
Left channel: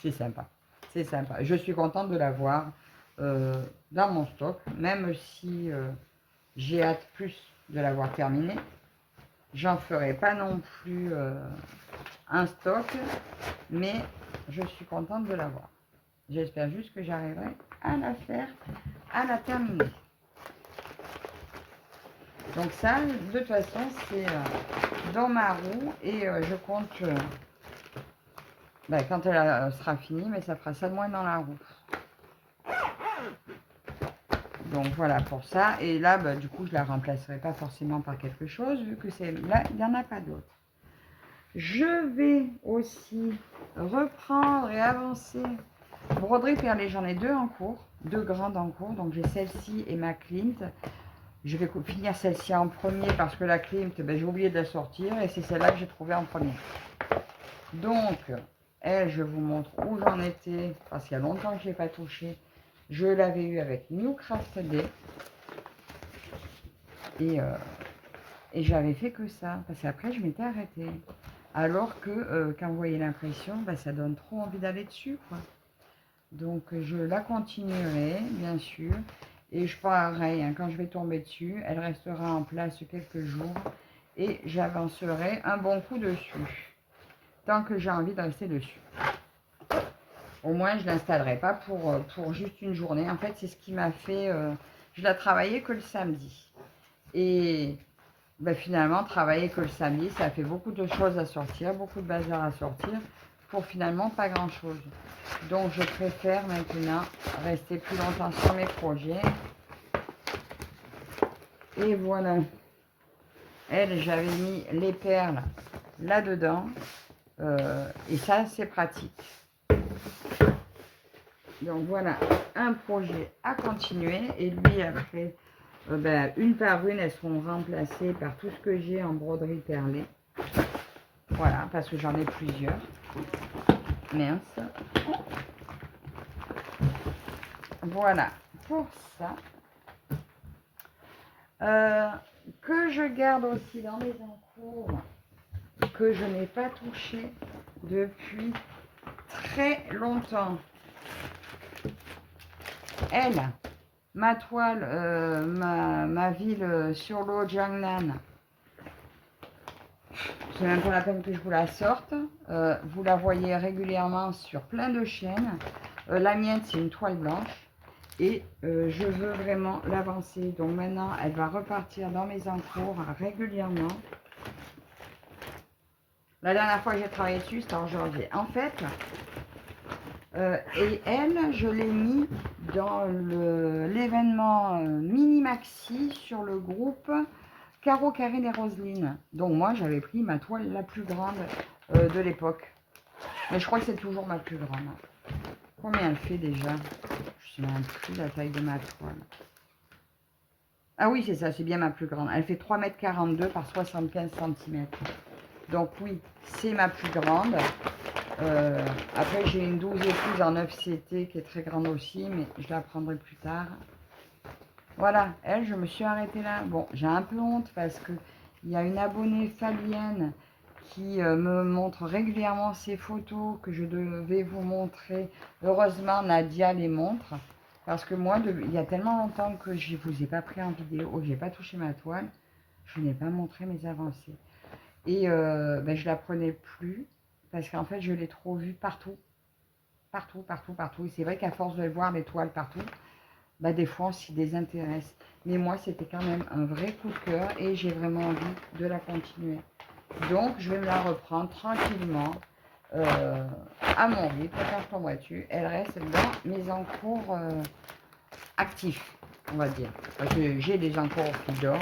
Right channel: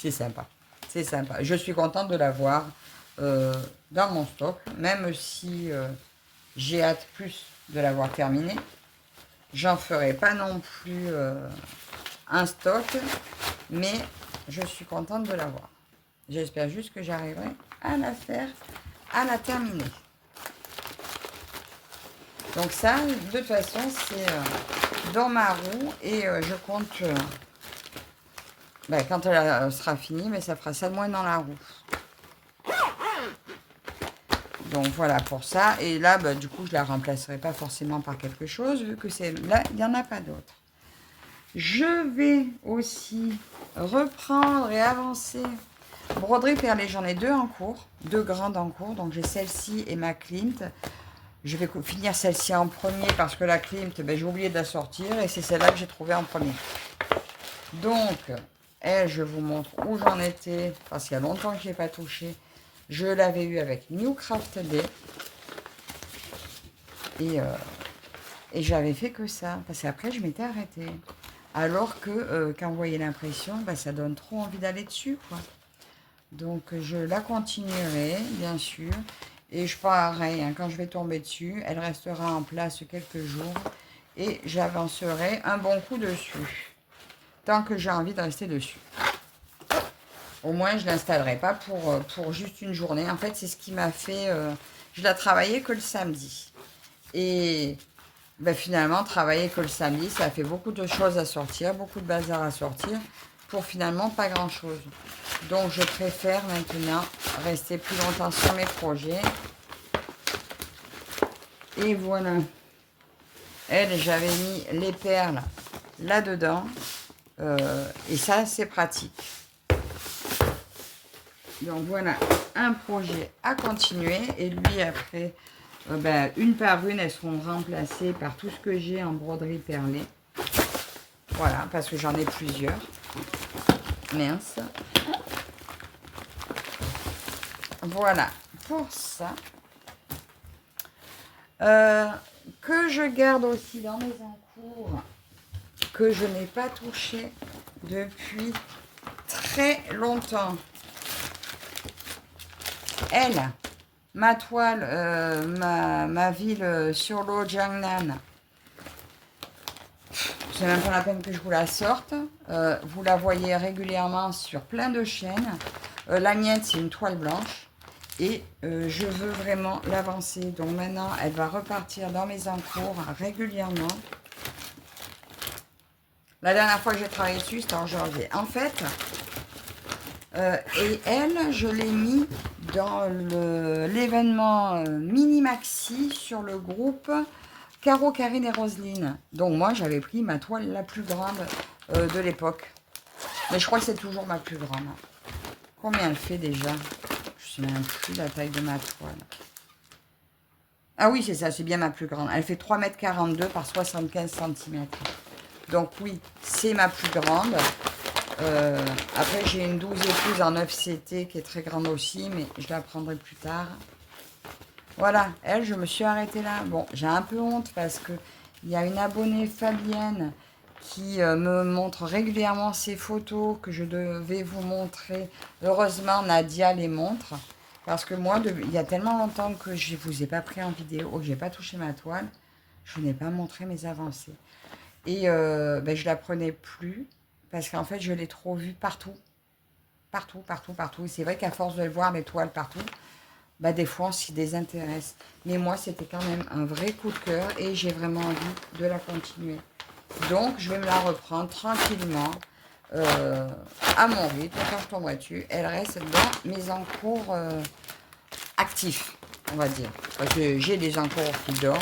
c'est sympa. C'est sympa. Je suis contente de l'avoir dans mon stock. Même si j'ai hâte plus de l'avoir terminé. J'en ferai pas non plus un stock. Mais je suis contente de l'avoir. J'espère juste que j'arriverai à la faire, à la terminer. Donc ça, de toute façon, c'est dans ma roue et je compte, quand elle sera finie, mais ça fera ça de moins dans la roue. Donc voilà pour ça. Et là, du coup, je la remplacerai pas forcément par quelque chose, vu que c'est là, il n'y en a pas d'autre. Je vais aussi reprendre et avancer. Broderie perlée, j'en ai deux en cours, deux grandes en cours. Donc j'ai celle-ci et ma Klimt. Je vais finir celle-ci en premier parce que la Klimt, j'ai oublié de la sortir et c'est celle-là que j'ai trouvée en premier. Donc, elle, je vous montre où j'en étais parce qu'il y a longtemps que je n'ai pas touché. Je l'avais eu avec New Craft Day et j'avais fait que ça parce qu'après je m'étais arrêtée. Alors que quand vous voyez l'impression, ça donne trop envie d'aller dessus, quoi. Donc, je la continuerai, bien sûr. Et je pareil, hein, quand je vais tomber dessus, elle restera en place quelques jours. Et j'avancerai un bon coup dessus. Tant que j'ai envie de rester dessus. Au moins, je ne l'installerai pas pour juste une journée. En fait, c'est ce qui m'a fait... je l'ai travaillé que le samedi. Et ben, finalement, travailler que le samedi, ça fait beaucoup de choses à sortir, beaucoup de bazar à sortir, pour finalement pas grand-chose. Donc, je préfère maintenant rester plus longtemps sur mes projets. Et voilà. Elle, j'avais mis les perles là-dedans. Et ça, c'est pratique. Donc, voilà un projet à continuer. Et lui, après, ben, une par une, elles seront remplacées par tout ce que j'ai en broderie perlée. Voilà, parce que j'en ai plusieurs. Mince. Voilà, pour ça. Que je garde aussi dans mes encours, que je n'ai pas touché depuis très longtemps. Elle, ma toile, ma ville sur l'eau, Jiangnan. C'est même pas la peine que je vous la sorte. Vous la voyez régulièrement sur plein de chaînes. La mienne, c'est une toile blanche. Et je veux vraiment l'avancer. Donc maintenant, elle va repartir dans mes encours régulièrement. La dernière fois que j'ai travaillé dessus, c'était en janvier. En fait, et elle, je l'ai mis dans l'événement Mini Maxi sur le groupe Caro, Karine et Roselyne. Donc moi, j'avais pris ma toile la plus grande de l'époque. Mais je crois que c'est toujours ma plus grande. Combien elle fait déjà? Je ne sais même plus la taille de ma toile. Ah oui, c'est ça, c'est bien ma plus grande. Elle fait 3,42 m par 75 cm. Donc oui, c'est ma plus grande. Après, j'ai une 12 épouses en 9 CT qui est très grande aussi, mais je la prendrai plus tard. Voilà, elle, je me suis arrêtée là. Bon, j'ai un peu honte parce que il y a une abonnée Fabienne qui me montre régulièrement ses photos que je devais vous montrer. Heureusement, Nadia les montre. Parce que moi, il y a tellement longtemps que je ne vous ai pas pris en vidéo, que je n'ai pas touché ma toile, je n'ai pas montré mes avancées. Et ben, je ne la prenais plus parce qu'en fait, je l'ai trop vue partout. Partout, partout, partout. C'est vrai qu'à force de voir les toiles partout, bah, des fois on s'y désintéresse. Mais moi, c'était quand même un vrai coup de cœur et j'ai vraiment envie de la continuer. Donc, je vais me la reprendre tranquillement à mon rythme. Quand je tombe dessus, elle reste dans mes encours actifs, on va dire. Parce que j'ai des encours qui dorment,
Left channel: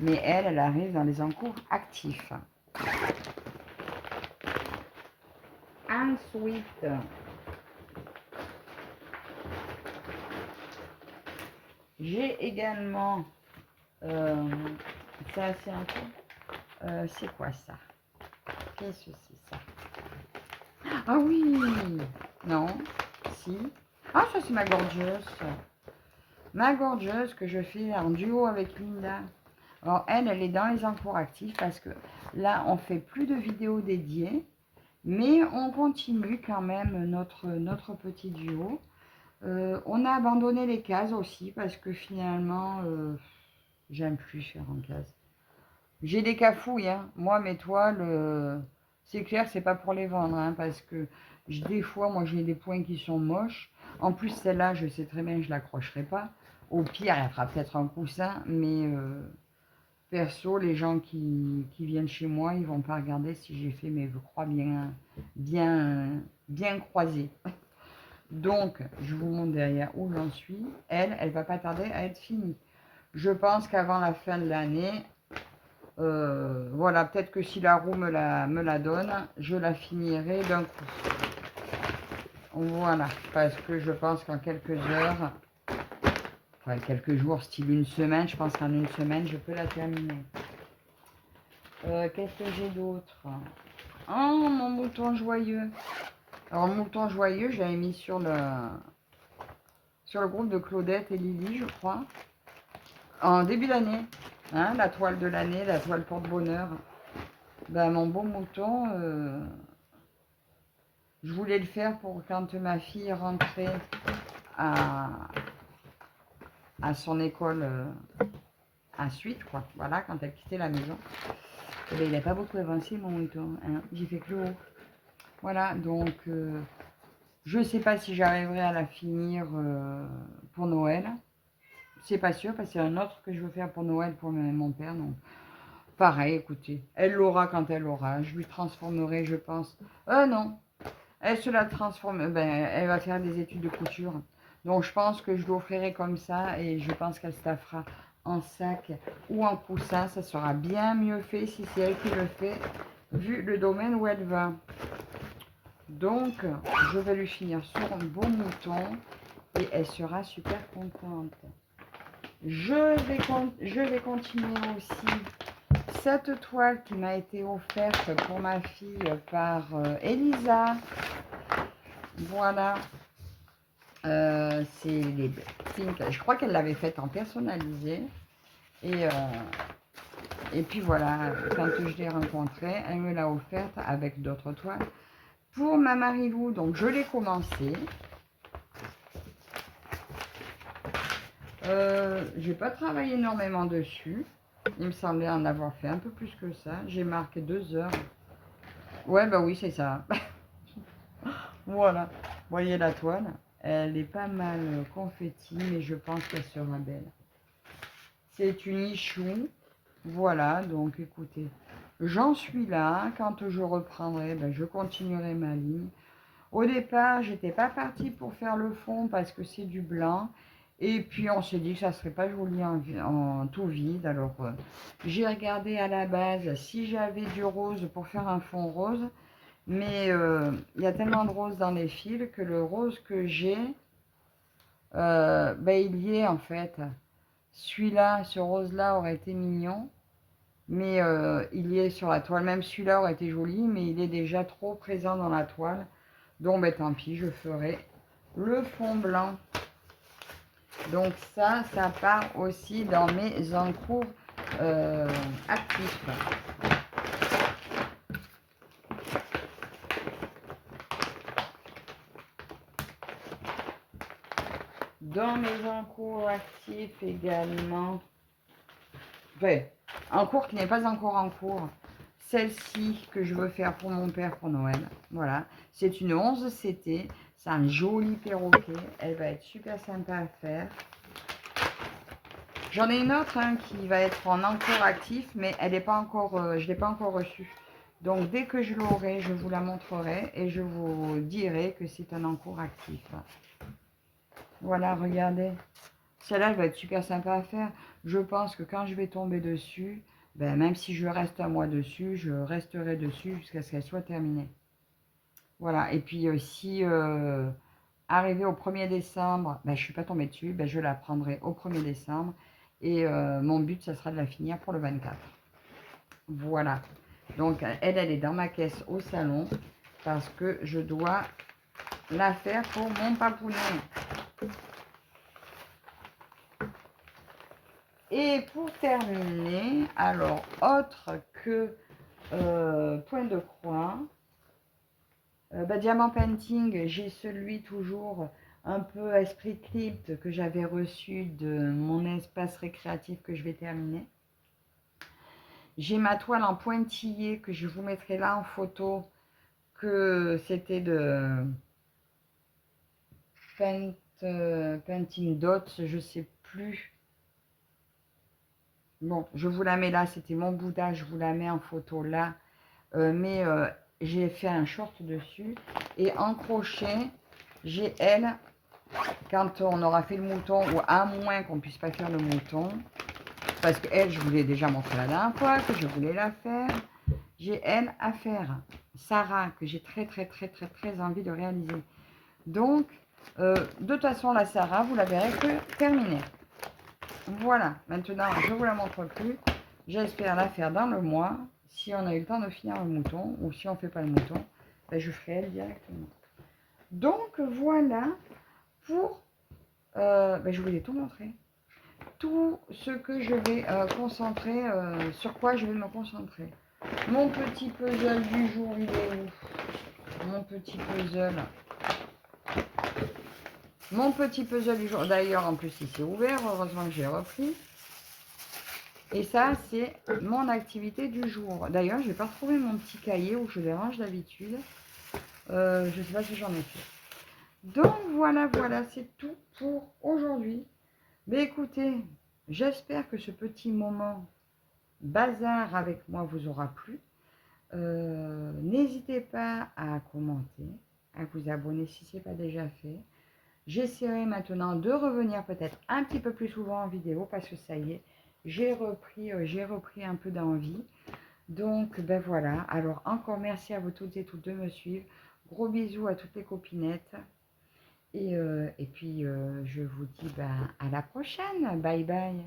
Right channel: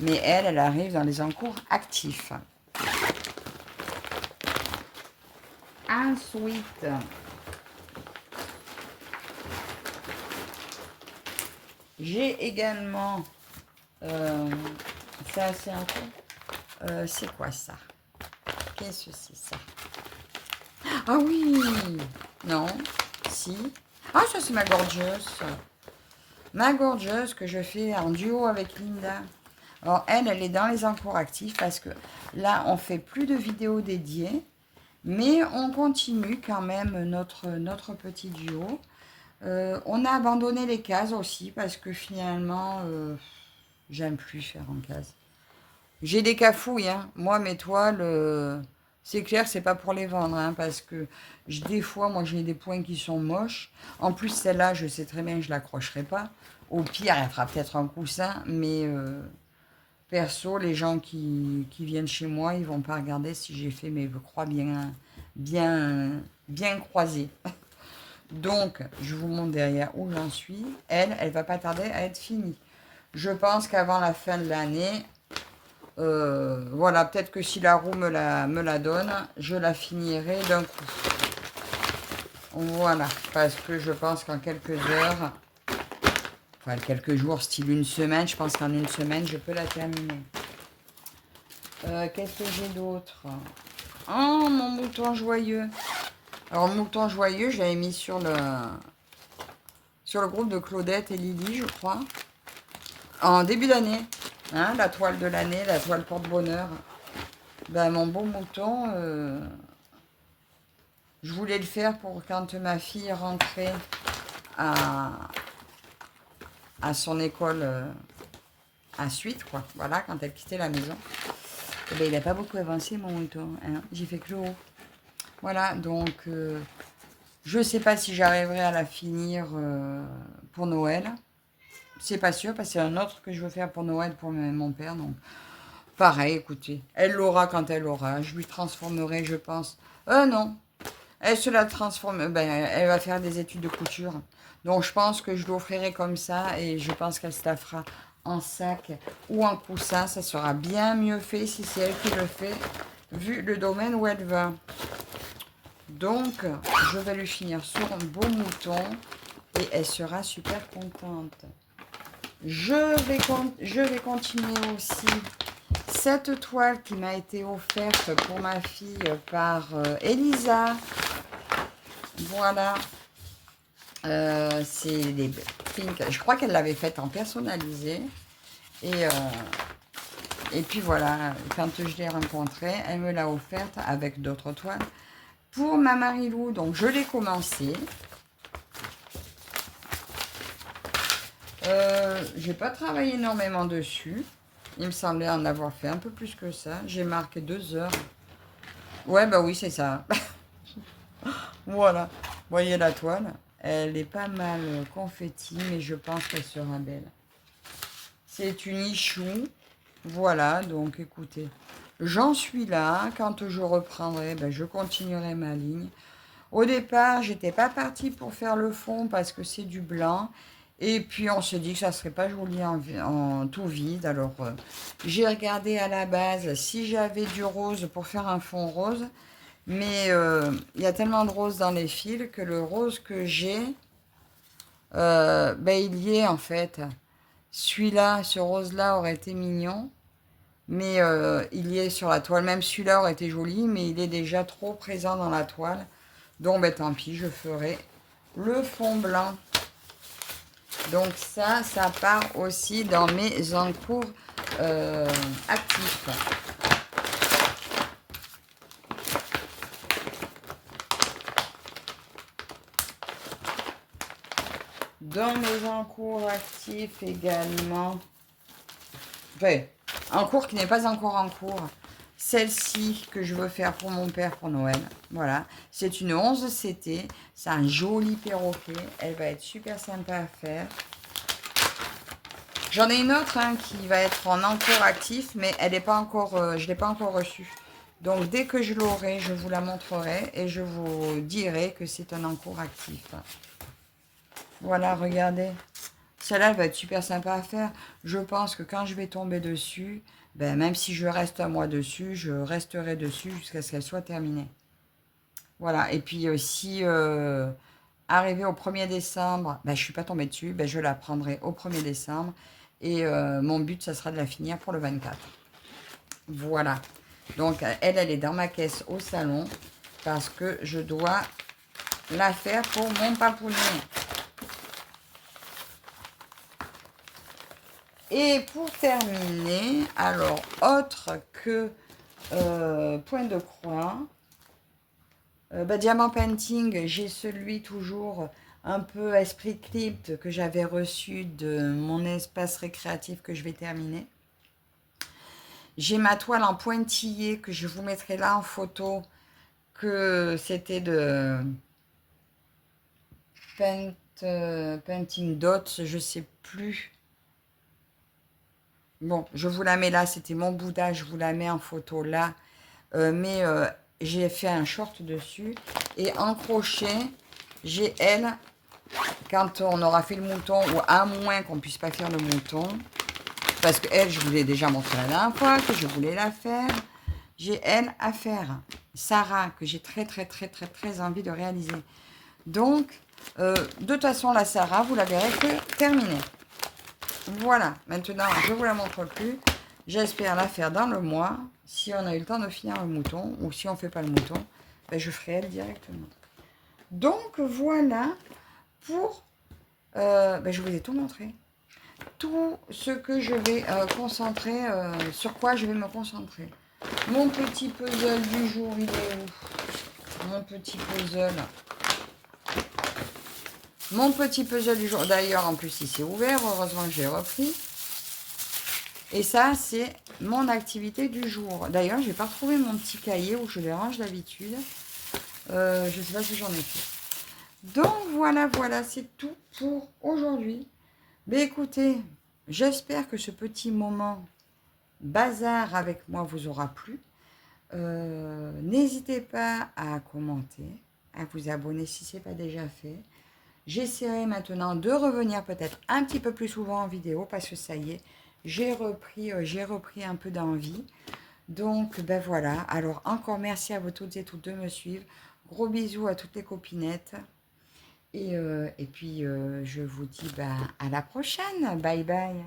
mais elle arrive dans les encours actifs. Ensuite, j'ai également, ça c'est un peu, c'est quoi ça? Qu'est-ce que c'est ça? Ah oui! Non, si. Ah, ça c'est ma gorgeuse. Ma gorgeuse que je fais en duo avec Linda. Alors elle est dans les encours actifs parce que là, on fait plus de vidéos dédiées, mais on continue quand même notre petit duo. On a abandonné les cases aussi parce que finalement, j'aime plus faire en case. J'ai des cafouilles, hein. Moi, mes toiles, c'est clair, c'est pas pour les vendre, hein, parce que des fois, moi, j'ai des points qui sont moches. En plus, celle-là, je sais très bien que je l'accrocherai pas. Au pire, elle fera peut-être un coussin, mais perso, les gens qui viennent chez moi, ils vont pas regarder si j'ai fait mes croix bien croisées. Donc, je vous montre derrière où j'en suis. Elle va pas tarder à être finie. Je pense qu'avant la fin de l'année, voilà, peut-être que si la roue me la donne, je la finirai d'un coup. Voilà, parce que je pense qu'en quelques heures, enfin quelques jours, style une semaine, je pense qu'en une semaine, je peux la terminer. Qu'est-ce que j'ai d'autre? Oh, mon mouton joyeux. Alors, mouton joyeux, je l'avais mis sur le groupe de Claudette et Lily, je crois, en début d'année. Hein, la toile de l'année, la toile porte-bonheur. Ben, mon beau mouton, Je voulais le faire pour quand ma fille rentrait à son école à suite, quoi. Voilà, quand elle quittait la maison. Eh bien, il n'a pas beaucoup avancé, mon mouton. Hein. J'ai fait que le haut. Voilà, donc je ne sais pas si j'arriverai à la finir pour Noël. C'est pas sûr, parce que c'est un autre que je veux faire pour Noël pour mon père. Donc, pareil, écoutez, elle l'aura quand elle l'aura. Je lui transformerai, je pense. Non, elle se la transforme. Ben, elle va faire des études de couture. Donc, je pense que je l'offrirai comme ça et je pense qu'elle se la fera en sac ou en coussin. Ça sera bien mieux fait si c'est elle qui le fait, vu le domaine où elle va. Donc, je vais lui finir sur un beau mouton et elle sera super contente. Je vais continuer aussi cette toile qui m'a été offerte pour ma fille par Elisa. Voilà. C'est les pink. Je crois qu'elle l'avait faite en personnalisé. Et puis voilà, quand je l'ai rencontrée, elle me l'a offerte avec d'autres toiles pour ma Marilou. Donc je l'ai commencé. J'ai pas travaillé énormément dessus. Il me semblait en avoir fait un peu plus que ça. J'ai marqué 2 heures. Ouais, bah oui, c'est ça. Voilà. Vous voyez la toile? Elle est pas mal confetti, mais je pense qu'elle sera belle. C'est une ichou. Voilà, donc écoutez. J'en suis là. Quand je reprendrai, ben, je continuerai ma ligne. Au départ, j'étais pas partie pour faire le fond parce que c'est du blanc. Et puis on se dit que ça serait pas joli en tout vide. Alors j'ai regardé à la base si j'avais du rose pour faire un fond rose. Mais il y a tellement de rose dans les fils que le rose que j'ai, ben, il y est en fait. Celui-là, ce rose-là aurait été mignon. Mais il y est sur la toile. Même celui-là aurait été joli, mais il est déjà trop présent dans la toile. Donc ben, tant pis, je ferai le fond blanc. Donc ça part aussi dans mes encours actifs. Dans mes encours actifs également, enfin, en cours qui n'est pas encore en cours, celle-ci que je veux faire pour mon père pour Noël. Voilà, c'est une 11 CT, c'est un joli perroquet, elle va être super sympa à faire. J'en ai une autre hein, qui va être en encours actif, mais elle n'est pas encore, je ne l'ai pas encore reçue. Donc dès que je l'aurai, je vous la montrerai et je vous dirai que c'est un encours actif. Voilà, regardez. Celle-là, elle va être super sympa à faire. Je pense que quand je vais tomber dessus, ben, même si je reste un mois dessus, je resterai dessus jusqu'à ce qu'elle soit terminée. Voilà. Et puis, si arrivé au 1er décembre, ben, je ne suis pas tombée dessus, ben, je la prendrai au 1er décembre. Et mon but, ça sera de la finir pour le 24. Voilà. Donc, elle est dans ma caisse au salon parce que je dois la faire pour mon papounet. Et pour terminer, alors, autre que point de croix, Diamant Painting, j'ai celui toujours un peu esprit crypte que j'avais reçu de mon espace récréatif que je vais terminer. J'ai ma toile en pointillé que je vous mettrai là en photo, que c'était de Painting Dots, je sais plus. Bon, je vous la mets là, c'était mon Bouddha, je vous la mets en photo là. Mais j'ai fait un short dessus. Et en crochet, j'ai elle, quand on aura fait le mouton, ou à moins qu'on ne puisse pas faire le mouton, parce que elle, je vous l'ai déjà montré la dernière fois, que je voulais la faire. J'ai elle à faire. Sarah, que j'ai très envie de réaliser. Donc, de toute façon, la Sarah, vous la verrez que terminée. Voilà, maintenant, je ne vous la montre plus. J'espère la faire dans le mois. Si on a eu le temps de finir le mouton, ou si on ne fait pas le mouton, ben je ferai elle directement. Donc, voilà pour... ben je vous ai tout montré. Tout ce que je vais concentrer, sur quoi je vais me concentrer. Mon petit puzzle du jour, il est où? Mon petit puzzle. Mon petit puzzle du jour. D'ailleurs, en plus, il s'est ouvert. Heureusement que j'ai repris. Et ça, c'est mon activité du jour. D'ailleurs, je n'ai pas retrouvé mon petit cahier où je les range d'habitude. Je ne sais pas si j'en ai fait. Donc, voilà, c'est tout pour aujourd'hui. Mais écoutez, j'espère que ce petit moment bazar avec moi vous aura plu. N'hésitez pas à commenter, à vous abonner si ce n'est pas déjà fait. J'essaierai maintenant de revenir peut-être un petit peu plus souvent en vidéo parce que ça y est, j'ai repris un peu d'envie. Donc, ben voilà. Alors, encore merci à vous toutes et toutes de me suivre. Gros bisous à toutes les copinettes. Et puis, je vous dis ben, à la prochaine. Bye bye.